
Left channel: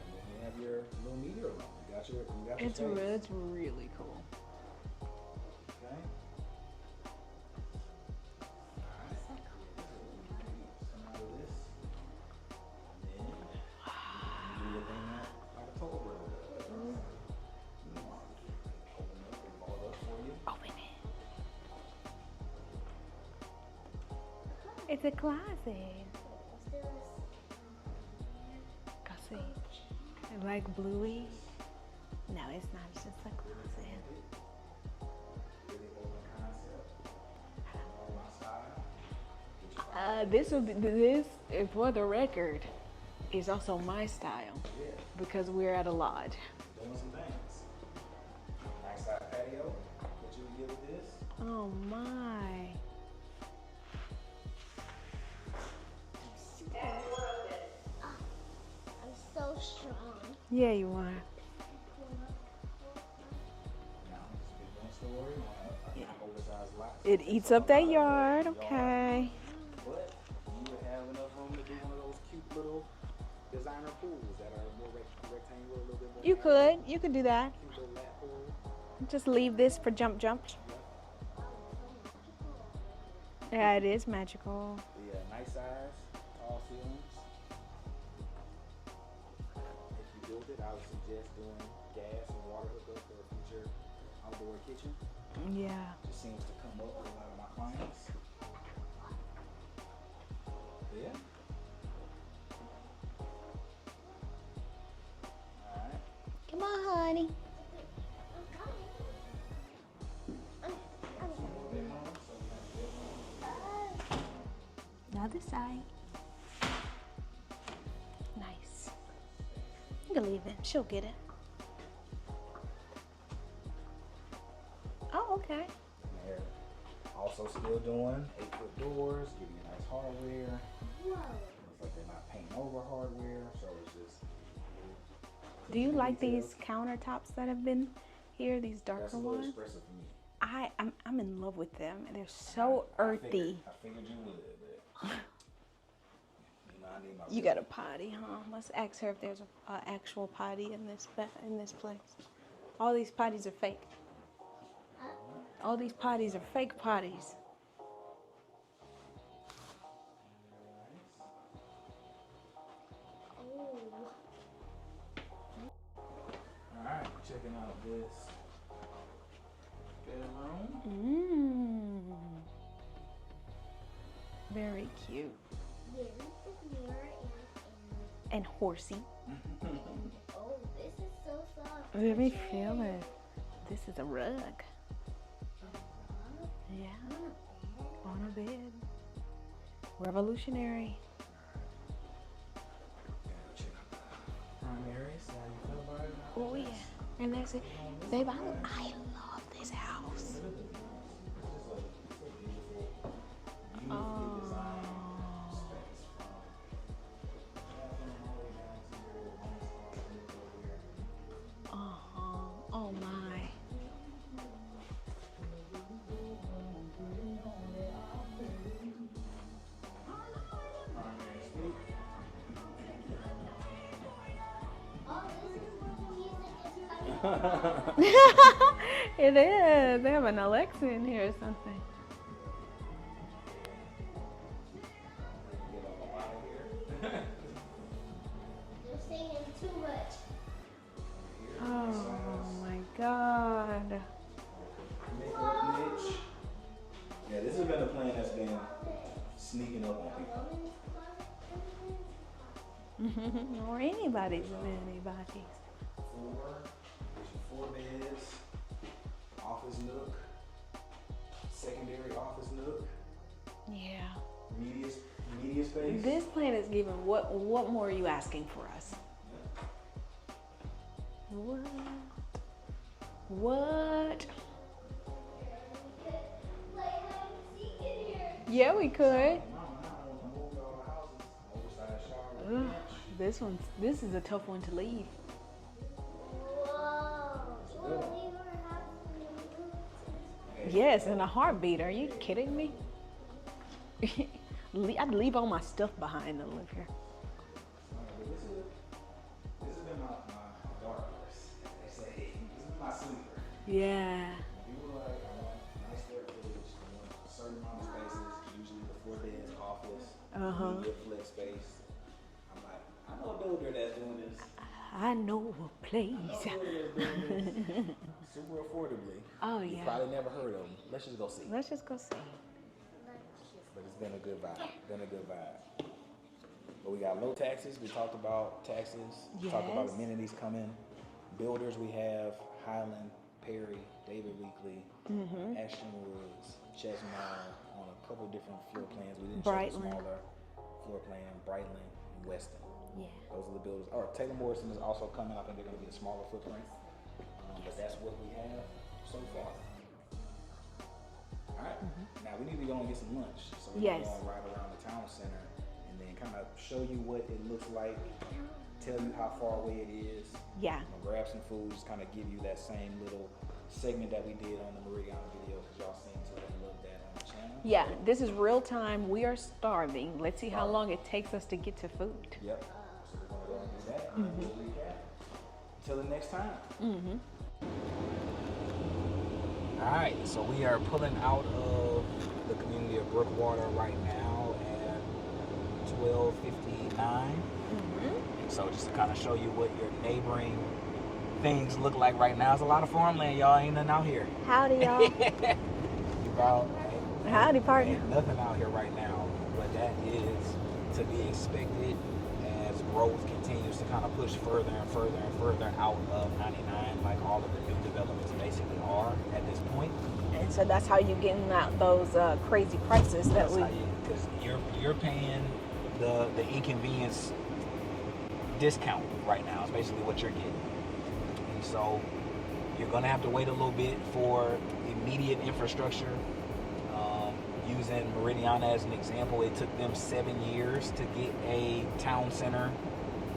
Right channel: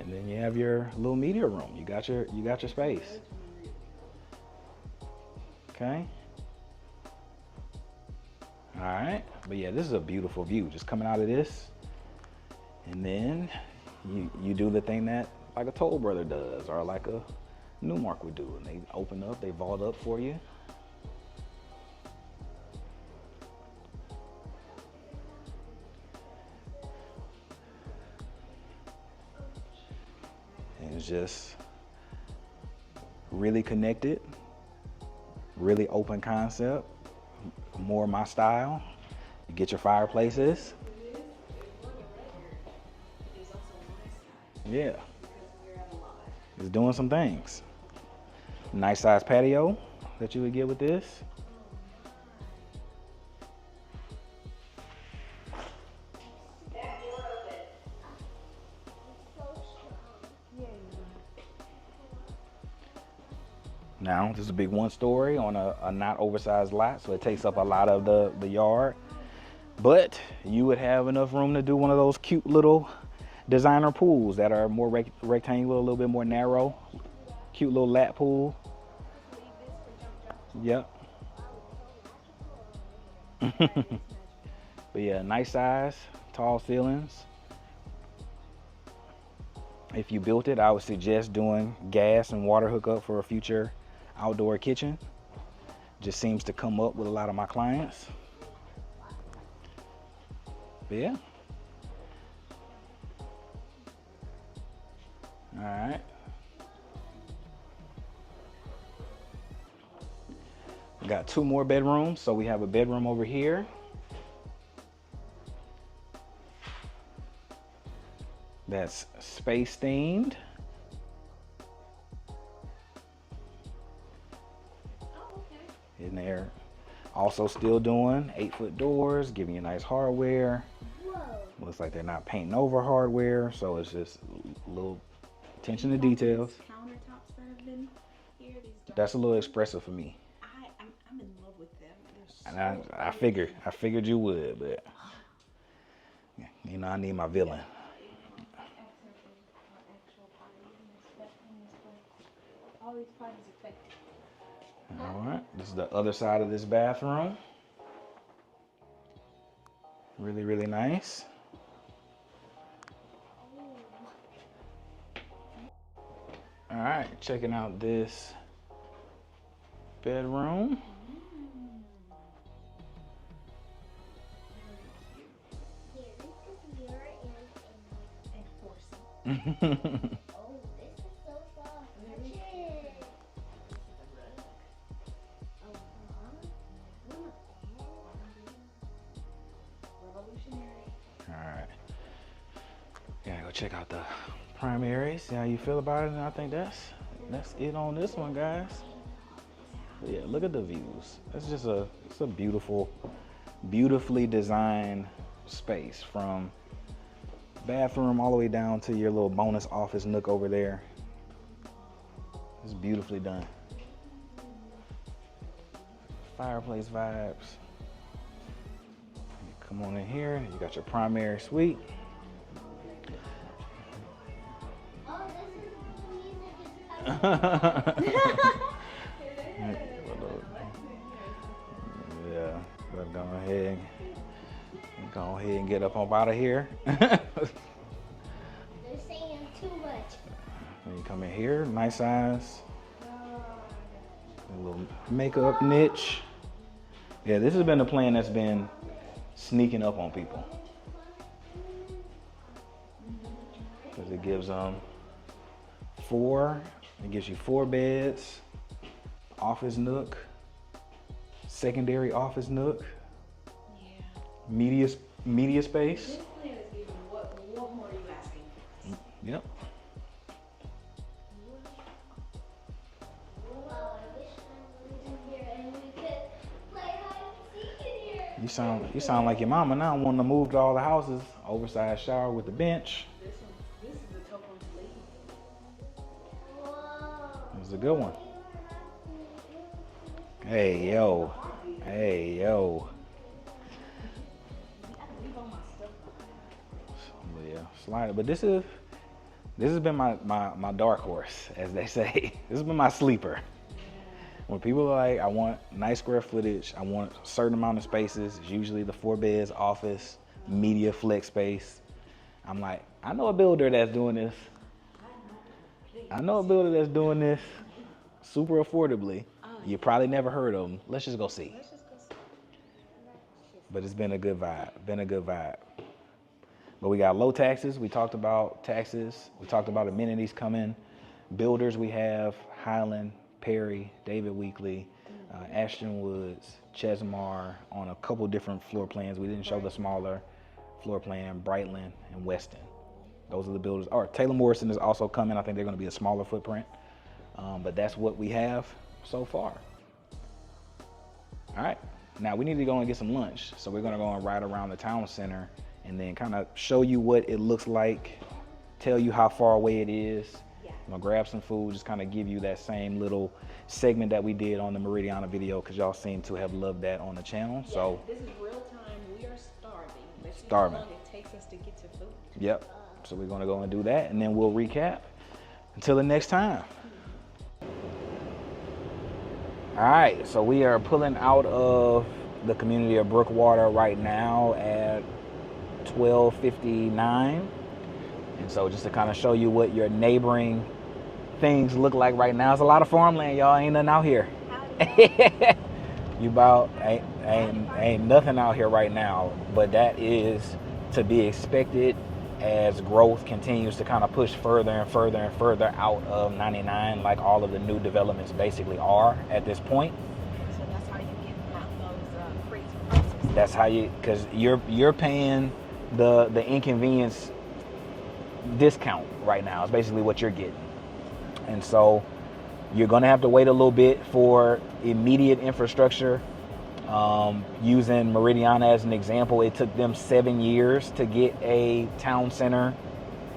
And then you have your little media room. You got your space. It's really cool. Okay. All right. But yeah, this is a beautiful view. Just coming out of this. And then you do the thing that like a Toll Brother does or like a Newmark would do. They open up, they vault up for you. Open it. It's a closet. Go see. I like blue. It's just No, it's not. It's just a... really connected, really open concept, more my style. You get your fireplaces. This is for the record. is also my style. Yeah. Because we're at a lodge. It's doing some things. Nice size patio that you would get with this. Oh my. I'm so strong. Yeah, you are. Now, this is a big 1-story on a not oversized lot, so it takes eats up a lot that of the yard. Okay. But you would have enough room to do one of those cute little designer pools that are more rectangular, a little bit more narrow. You could do that. Cute little lap pool. Just leave this for jump. Yep. Yeah, it is magical. But yeah, nice size, tall ceilings. If you built it, I would suggest doing gas and water hookup for a future outdoor kitchen. Yeah. Just seems to come up with a lot of my clients. But yeah. All right. Come on, honey. We got 2 more bedrooms. So we have a bedroom over here. The other side. Nice. That's space You can themed. leave it. She'll get it. Oh, okay. In there. Also still doing 8-foot doors, giving you nice hardware. Whoa. Looks like they're not painting over hardware, so it's just a little attention Do you to like details. these countertops that have been here? These dark. That's a little ones? expressive for me. I'm in love with them. They're And so I earthy. figured you would, but you know I need my You villain. got a potty, huh? Let's ask her if there's an actual potty in this place. All these potties are fake. All right, this All is these the other potties side are of this fake bathroom. potties. Really, really nice. All right, checking out this bedroom. Very cute Here, this is mirror and horsey. oh, this is so soft. Let me feel it. This is a rug. Yeah, on a bed. Revolutionary. All right, gotta go check out the primary. See how you feel about it. And I think that's it on this one, guys. I love this house. Yeah, look at the views. It's a beautifully designed space, from bathroom all the way down to your little bonus office nook over there. It's beautifully done. Fireplace vibes. Come on in here. You got your primary suite. Oh, this is the music is It is. They have an Alexa in here or something. Yeah, but go ahead and get up out of here. They're saying too much. You come in here, nice size, Oh my God. a little makeup niche. Yeah, this has been a plan that's been sneaking up on people. Or anybody. gives, Anybody. It gives you 4 beds, office nook, secondary office nook, Yeah. media space. This plan is giving. What more are you asking for us? Yep. What? Here, and we could play hide and seek in here. You sound like your mama now, wanting to move to all the houses, oversized shower with the bench. This is a tough one to leave. Whoa. It's a good one. Hey, Yes, yo. in a heartbeat. Are you Hey, kidding yo. me? I'd leave all my stuff behind to live here. Yeah, slide it. But this has been my dark horse, as they say. This has been my sleeper. Yeah. When people are like, I want nice square footage, I want a certain amount of spaces, it's usually the 4 beds, office, media flex space. I'm like, I know a builder that's doing this. I know a place. I know a builder that's doing this super affordably. Oh, You yeah. probably never heard of them. Let's just go see. Let's just go see. But it's been a good vibe. But we got low taxes. We talked about taxes. We talked about Yes. amenities coming. Builders, we have Highland, Perry, David Weekley, Ashton Woods, Chesmar on a couple different floor plans. We didn't show the Brightland. smaller floor plan, Brightland and Westin. Yeah. Those are the builders. Or Taylor Morrison is also coming. I think they're going to be a smaller footprint. But that's what we have so far. All right. Now we need to go and get some lunch. So we're going to go and ride around the town center and then kind of show you what it looks like, tell you how far away it is. Yeah. I'm gonna grab some food, just kind of give you that same little segment that we did on the Meridiana video, because y'all seem to have loved that on the channel. Yeah, so, this is real time. We are starving. Let's see how long it takes us to get to food. Yep. So we're gonna go and do that, and then we'll recap. Until the next time. All right, so we are pulling out of the community of Brookewater right now at 12:59. And so just to kind of show you what your neighboring things look like right now. It's a lot of farmland, y'all. Ain't nothing out here. Howdy, y'all. You about Howdy, ain't nothing out here right now, but that is to be expected as growth continues to kind of push further and further and further out of 99, like all of the new developments basically are at this point. And so that's how you're getting out those crazy prices. That's how you, because you're paying the inconvenience discount right now. It's basically what you're getting. And so you're going to have to wait a little bit for immediate infrastructure. Using Meridiana as an example, it took them 7 years to get a town center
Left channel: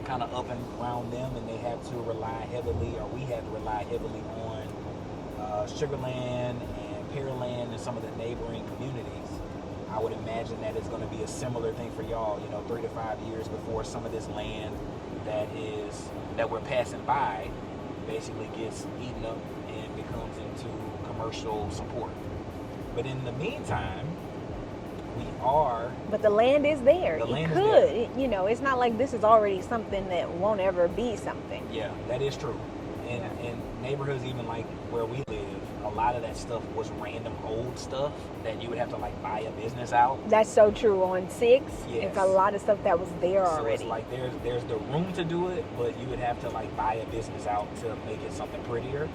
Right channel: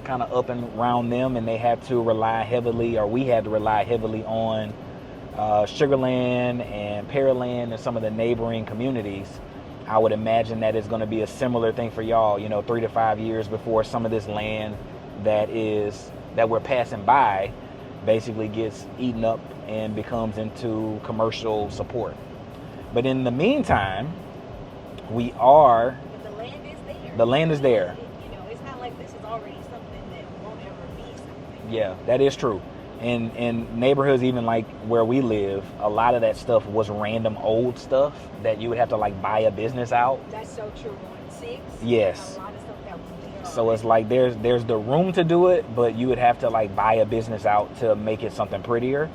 kind of up and around them, and they had to rely heavily, or we had to rely heavily on Sugarland and Pearland and some of the neighboring communities. I would imagine that it's going to be a similar thing for y'all, 3 to 5 years before some of this land that we're passing by basically gets eaten up and becomes into commercial support. But in the meantime, but the land is there. The land is there. It's not like this is already something that won't ever be something. Yeah, that is true. In neighborhoods even like where we live, a lot of that stuff was random old stuff that you would have to like buy a business out. That's so true. On 6, yes, there's a lot of stuff that was there So already. it's like there's the room to do it, but you would have to like buy a business out to make it something prettier.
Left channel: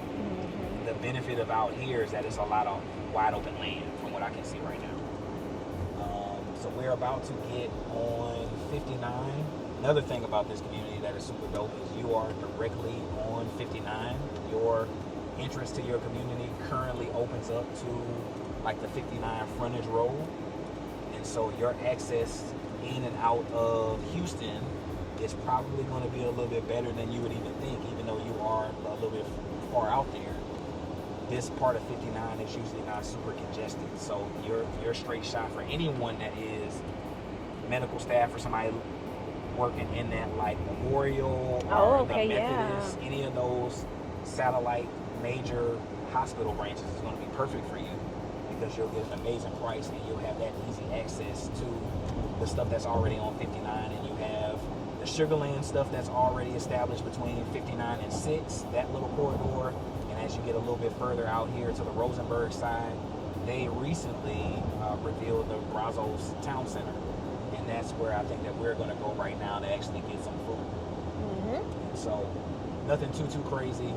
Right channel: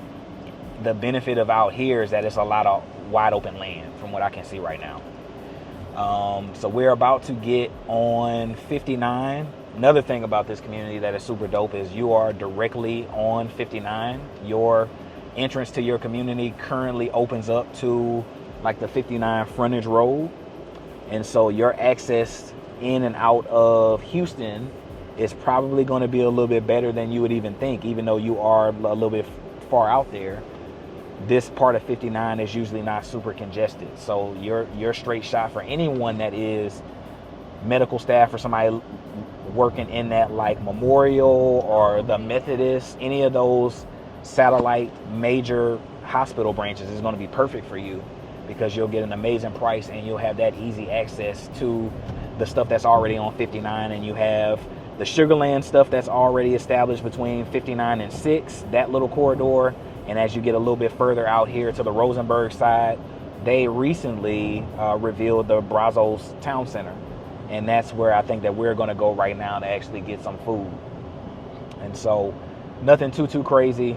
The benefit of out here is that it's a lot of wide open land from what I can see right now. So we're about to get on 59. Another thing about this community that is super dope is you are directly on 59. Your entrance to your community currently opens up to like the 59 frontage road. And so your access in and out of Houston is probably going to be a little bit better than you would even think, even though you are a little bit far out there. This part of 59 is usually not super congested. So you're straight shot for anyone that is medical staff or somebody working in that like Memorial or the Methodist, any of those satellite major hospital branches is going to be perfect for you, because you'll get an amazing price and you'll have that easy access to the stuff that's already on 59. And you have the Sugarland stuff that's already established between 59 and 6, that little corridor. And as you get a little bit further out here to the Rosenberg side, they recently revealed the Brazos Town Center. And that's where I think that we're going to go right now to actually get some food. And so nothing too crazy.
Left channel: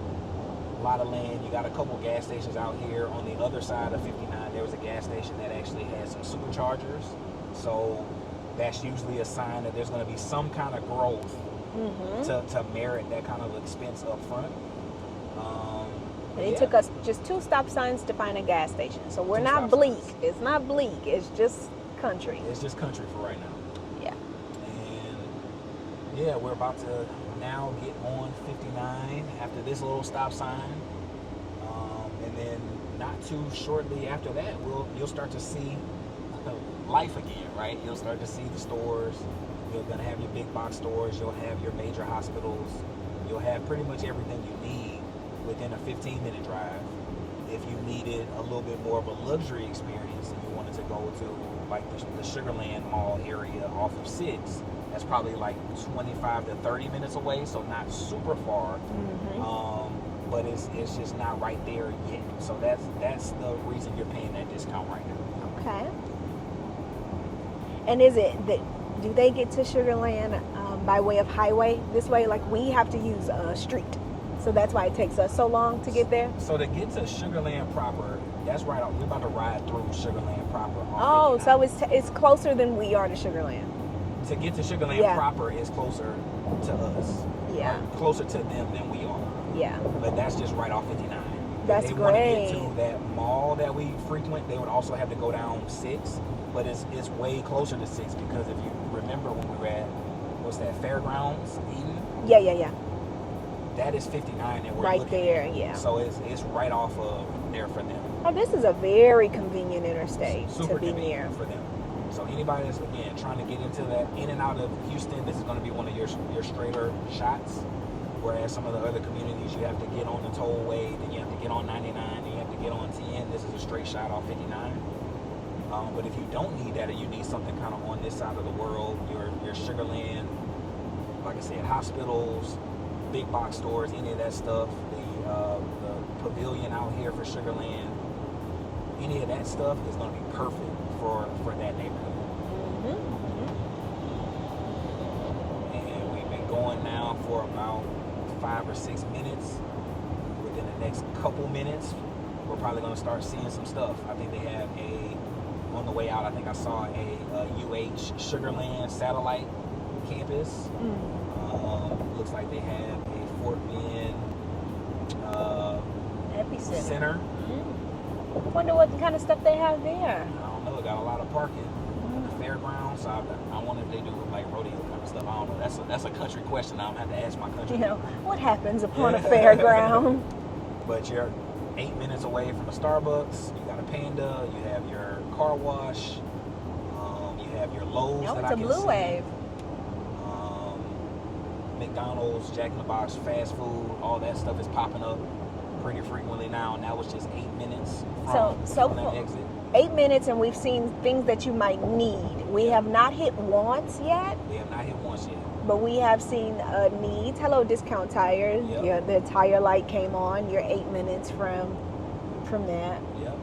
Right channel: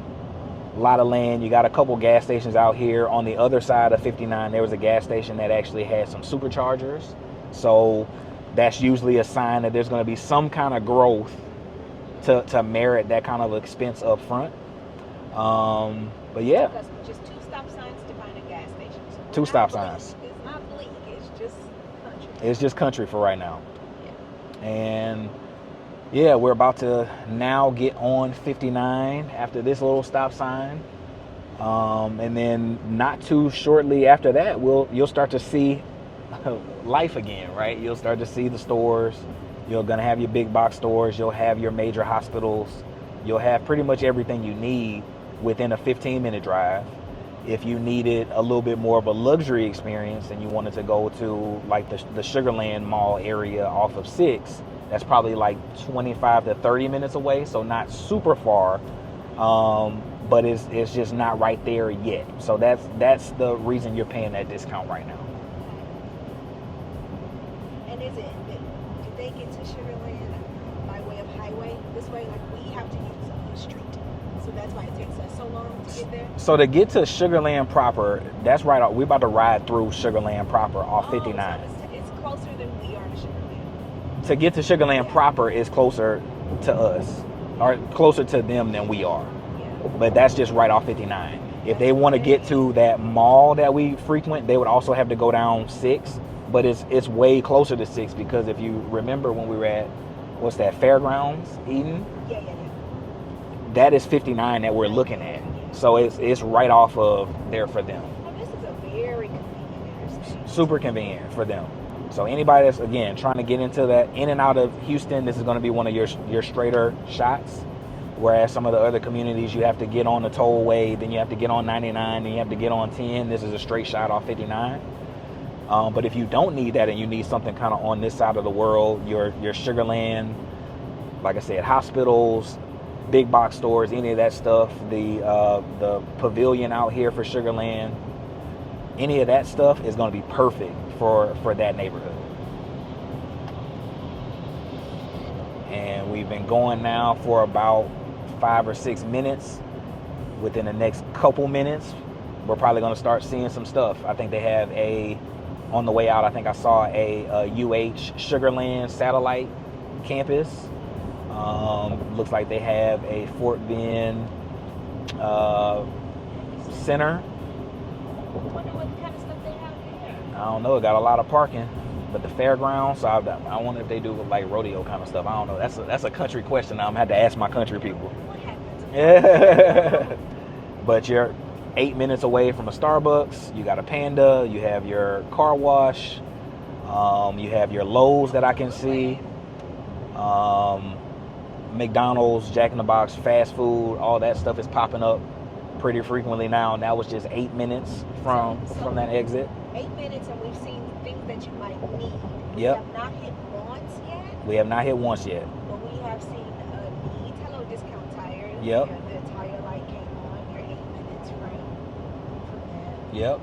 A lot of land. You got a couple gas stations out here. On the other side of 59, there was a gas station that actually had some superchargers. So that's usually a sign that there's going to be some kind of growth to merit that kind of expense up front. But it took us just 2 stop signs to find a gas station. So we're not bleak. It's not bleak. It's just country. It's just country for right now. Yeah. And yeah, we're about to now get on 59 after this little stop sign. And then not too shortly after that, you'll start to see life again, right? You'll start to see the stores. You're going to have your big box stores. You'll have your major hospitals. You'll have pretty much everything you need within a 15-minute drive. If you needed a little bit more of a luxury experience and you wanted to go to like the Sugarland Mall area off of 6, that's probably like 25 to 30 minutes away, so not super far. But it's just not right there yet. So that's the reason you're paying that discount right now. Okay. And is it that do they get to Sugarland by way of highway? This way, like we have to use a street. So that's why it takes us so long to get there? So to get to Sugarland proper, that's right. We're about to ride through Sugarland proper off 59. So it's closer than we are to Sugarland. To get to Sugarland proper is closer to us, or closer to them than we are. Yeah. But that's just right off 59. If That's they want to get great. to that mall that we frequent, they would also have to go down 6. But it's way closer to 6 because if you remember when we were at, what's that, Fairgrounds, Eden? Yeah. That is 59 that we're Right looking there, at. yeah. So it's right off of there for them. Oh, this is a very convenient interstate. Super convenient for them. So anybody that's, again, trying to get into that, in and out of Houston, this is going to be one of your straighter shots. Whereas some of the other communities, you have to get on the tollway, then you have to get on 99, then you have to get on 10. This is a straight shot off 59. But if you don't need that and you need something kind of on this side of the world, your Sugar Land, like I said, hospitals, big box stores, any of that stuff, the pavilion out here for Sugar Land, any of that stuff is going to be perfect for that neighborhood. And we've been going now for about 5 or 6 minutes. Within the next couple minutes, we're probably going to start seeing some stuff. I think they have on the way out, I think I saw a UH Sugarland satellite campus. Looks like they have a Fort Bend center. I wonder what kind of stuff they have there. I don't know. It got a lot of parking. But the fairgrounds, so I wonder if they do like rodeo kind of stuff. I don't know. That's a country question. I'm gonna have to ask my country people. What happens upon a fairground? But you're 8 minutes away from a Starbucks. You got a Panda. You have your car wash. You have your Lowe's that I can see. McDonald's, Jack in the Box, fast food, all that stuff is popping up pretty frequently now. And that was just 8 minutes from that exit. 8 minutes, and we've seen things that you might need. We have not hit once yet. We have not hit once yet. But we have seen needs. Hello, Discount Tires. Yep. The tire light came on. You're 8 minutes from that. Yep.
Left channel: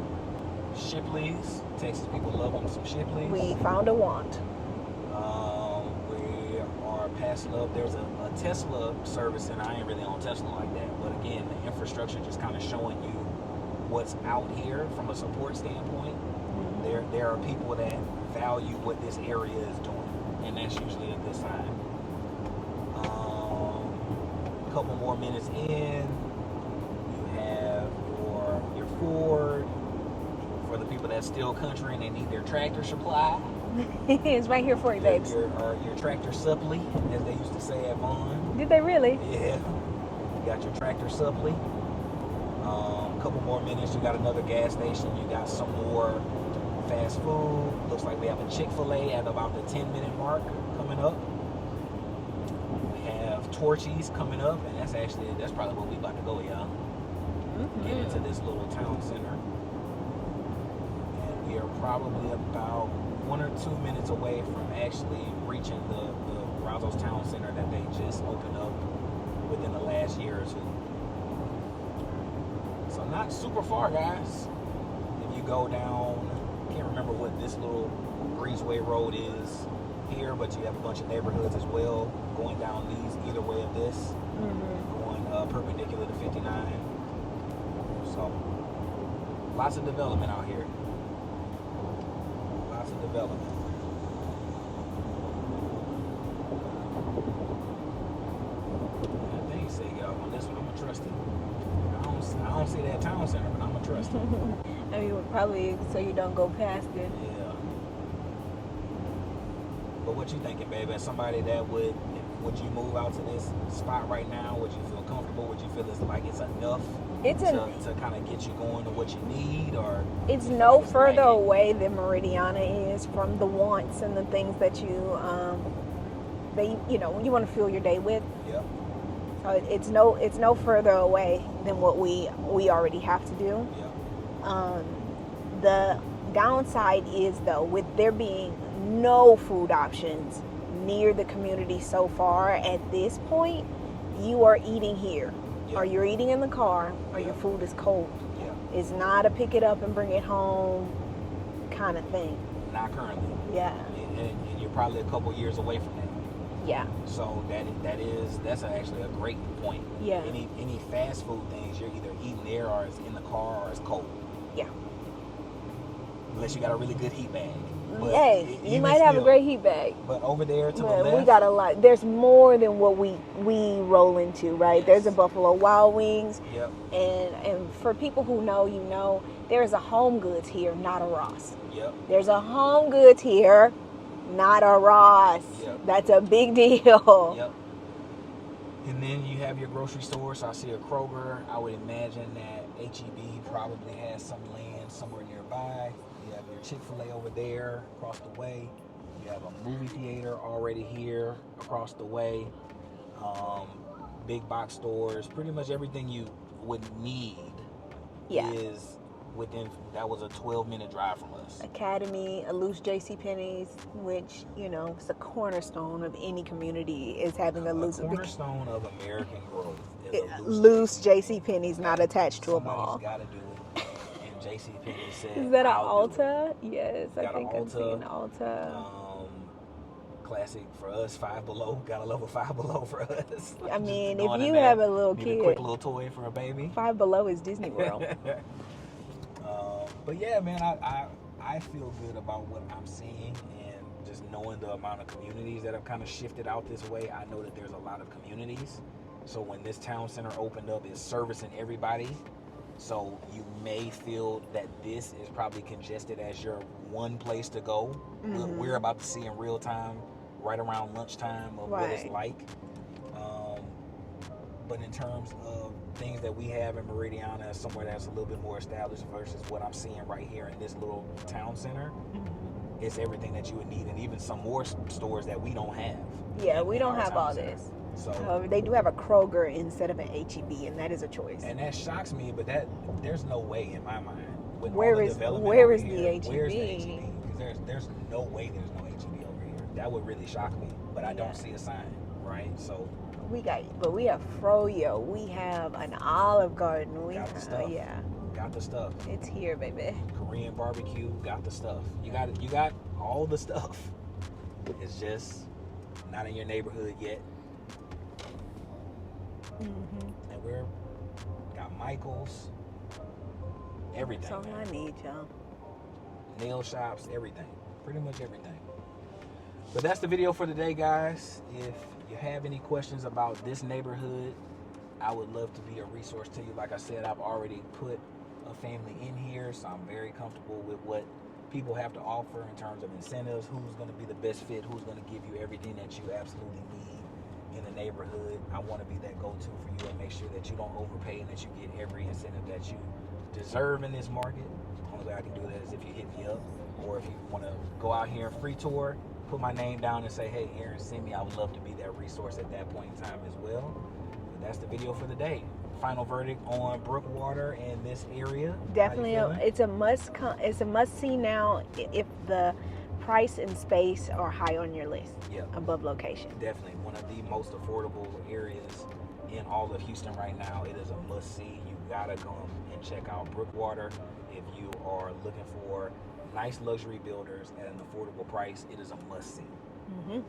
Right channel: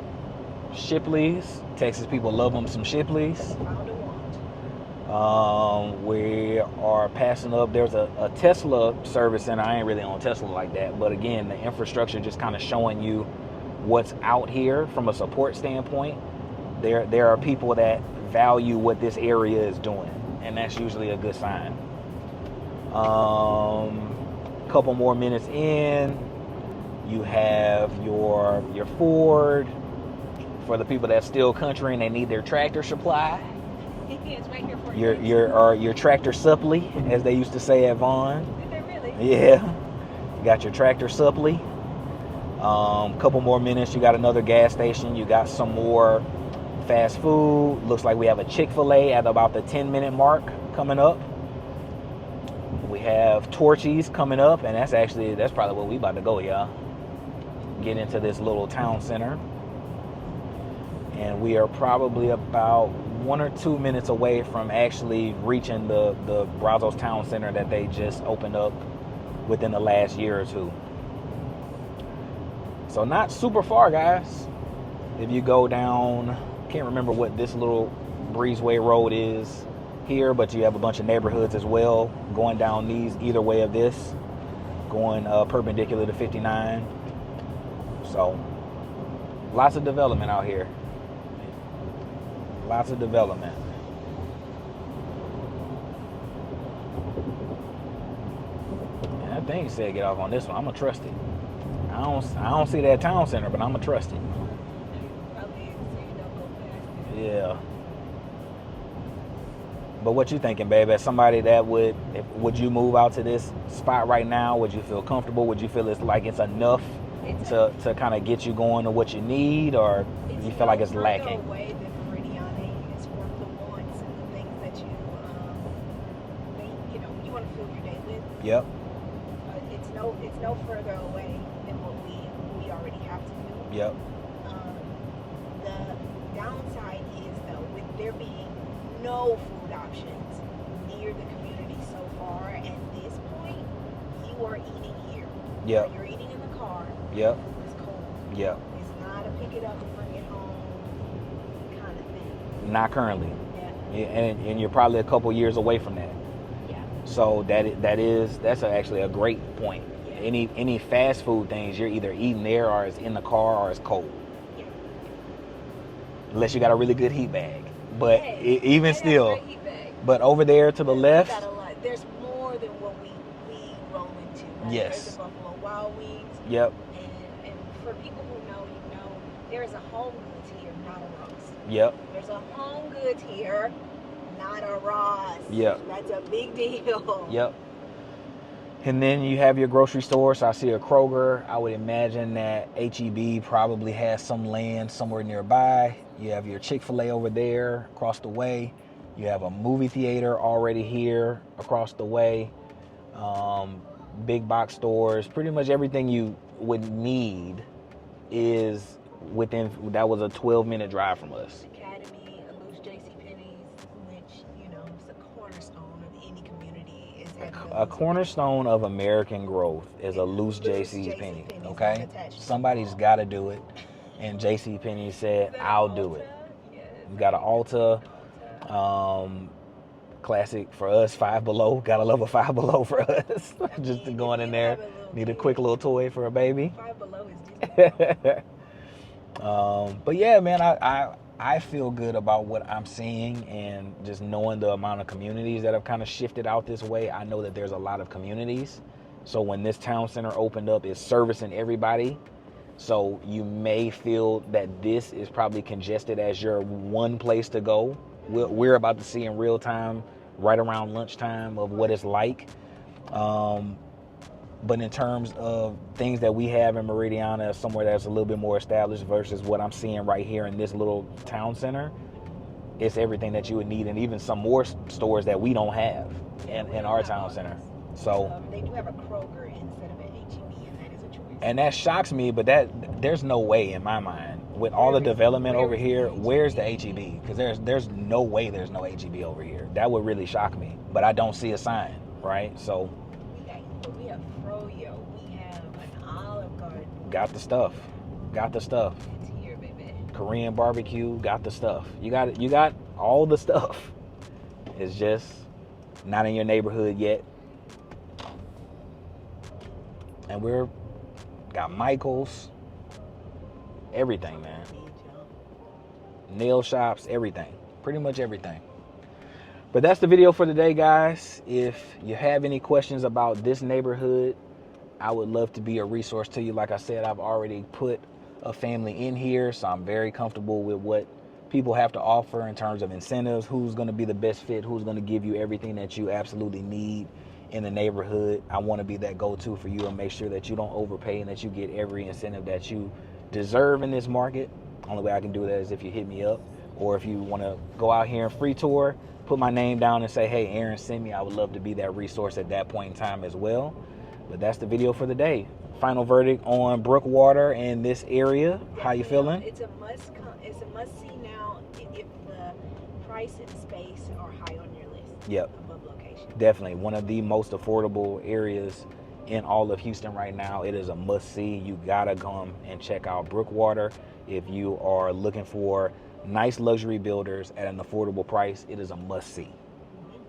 Shipley's. Texas people love them some Shipley's. We found a want. We are passing up. There's a Tesla service center. I ain't really on Tesla like that. But again, the infrastructure just kind of showing you what's out here from a support standpoint. There are people that value what this area is doing, and that's usually a good sign. Couple more minutes in, you have your Ford. For the people that's still country and they need their tractor supply, it's right here for you. Your tractor supply, as they used to say at Vaughn. Did they really? Yeah, got your tractor supply. Couple more minutes, you got another gas station. You got some more fast food. Looks like we have a Chick-fil-A at about the 10-minute mark coming up. We have Torchy's coming up, and that's probably where we about to go, y'all. Get into this little town center. And we are probably about 1 or 2 minutes away from actually reaching the Brazos Town Center that they just opened up within the last year or two. So not super far, guys. If you go down, can't remember what this little breezeway road is here, but you have a bunch of neighborhoods as well going down these either way of this, going perpendicular to 59. So lots of development out here. Lots of development. And I think he said get off on this one. I'm gonna trust it. I don't see that town center, but I'm gonna trust it. I mean, probably so you don't go past it. Yeah. But what you thinking, babe? As somebody that would you move out to this spot right now? Would you feel comfortable? Would you feel it's enough to kind of get you going to what you need, or it's you feel no like it's further lacking? away than Meridiana is from the wants and the things that you you want to fill your day with. Yep. So it's no further away than what we already have to do. Yep. The downside is, though, with there being no food options near the community so far, at this point, you are eating here. Yep. Or you're eating in the car, or your food is cold. Yeah. It's not a pick it up and bring it home kind of thing. Not currently. Yeah. And you're probably a couple years away from that. Yeah. So that's actually a great point. Yeah. Any fast food things, you're either eating there or it's in the car or it's cold. Yeah. Unless you got a really good heat bag. But hey, you even might still, have a great heat bag. but over there to the left, we got a lot. There's more than what we roll into, right? Yes. There's a Buffalo Wild Wings. Yep. And for people who know, you know, there's a Home Goods here, not a Ross. Yep. There's a Home Goods here, not a Ross. Yep. That's a big deal. Yep. And then you have your grocery store. So I see a Kroger. I would imagine that H-E-B probably has some land somewhere nearby. You have your Chick-fil-A over there across the way. You have a movie theater already here across the way. Big box stores. Pretty much everything you would need is within, that was a 12-minute drive from us. Academy, a loose JCPenney's, which, you know, it's a cornerstone of any community, is having a loose. A cornerstone of American growth is a loose JCPenney's, okay? Not attached to Somebody's got to do it. And JCPenney said, is that I'll do it. Yes. You got an Ulta. Classic for us, Five Below. Gotta love a Five Below for us. I mean, just going if in you there, have a little need kid, a quick little toy for a baby. Five Below is Disney World. But yeah, man, I feel good about what I'm seeing, and just knowing the amount of communities that have kind of shifted out this way. I know that there's a lot of communities. So when this town center opened up, it's servicing everybody. So you may feel that this is probably congested as your one place to go. Mm-hmm. We're about to see in real time, right around lunchtime, of what it's like. But in terms of things that we have in Meridiana, somewhere that's a little bit more established versus what I'm seeing right here in this little town center, it's everything that you would need, and even some more stores that we don't have. Yeah, we don't have all center. this. So they do have a Kroger instead of an H-E-B, and that is a choice. And that shocks me, but there's no way in my mind, with all the development over here, where's the H-E-B? Because there's no way there's no H-E-B over here. That would really shock me, but I don't see a sign, right? So we have Froyo, we have an Olive Garden. Got the stuff. Yeah. Got the stuff. It's here, baby. Korean barbecue, got the stuff. You got all the stuff. It's just not in your neighborhood yet. Mm-hmm. And we're got Michael's, everything, That's all man. I need, y'all. Nail shops, everything. Pretty much everything. But that's the video for today, guys. If you have any questions about this neighborhood, I would love to be a resource to you. Like I said, I've already put a family in here, so I'm very comfortable with what people have to offer in terms of incentives, who's going to be the best fit, who's going to give you everything that you absolutely need in the neighborhood. I want to be that go-to for you and make sure that you don't overpay and that you get every incentive that you deserve in this market. Only way I can do that is if you hit me up, or if you want to go out here and free tour, put my name down and say, hey, Aaron sent me. I would love to be that resource at that point in time as well. But that's the video for the day. Final verdict on Brookewater and this area. Definitely, how you feeling? It's a must see now if the price and space are high on your list. Yep. Above location. Definitely one of the most affordable areas in all of Houston right now. It is a must see. You gotta come and check out Brookewater. If you are looking for nice luxury builders at an affordable price, it is a must see. Mm-hmm.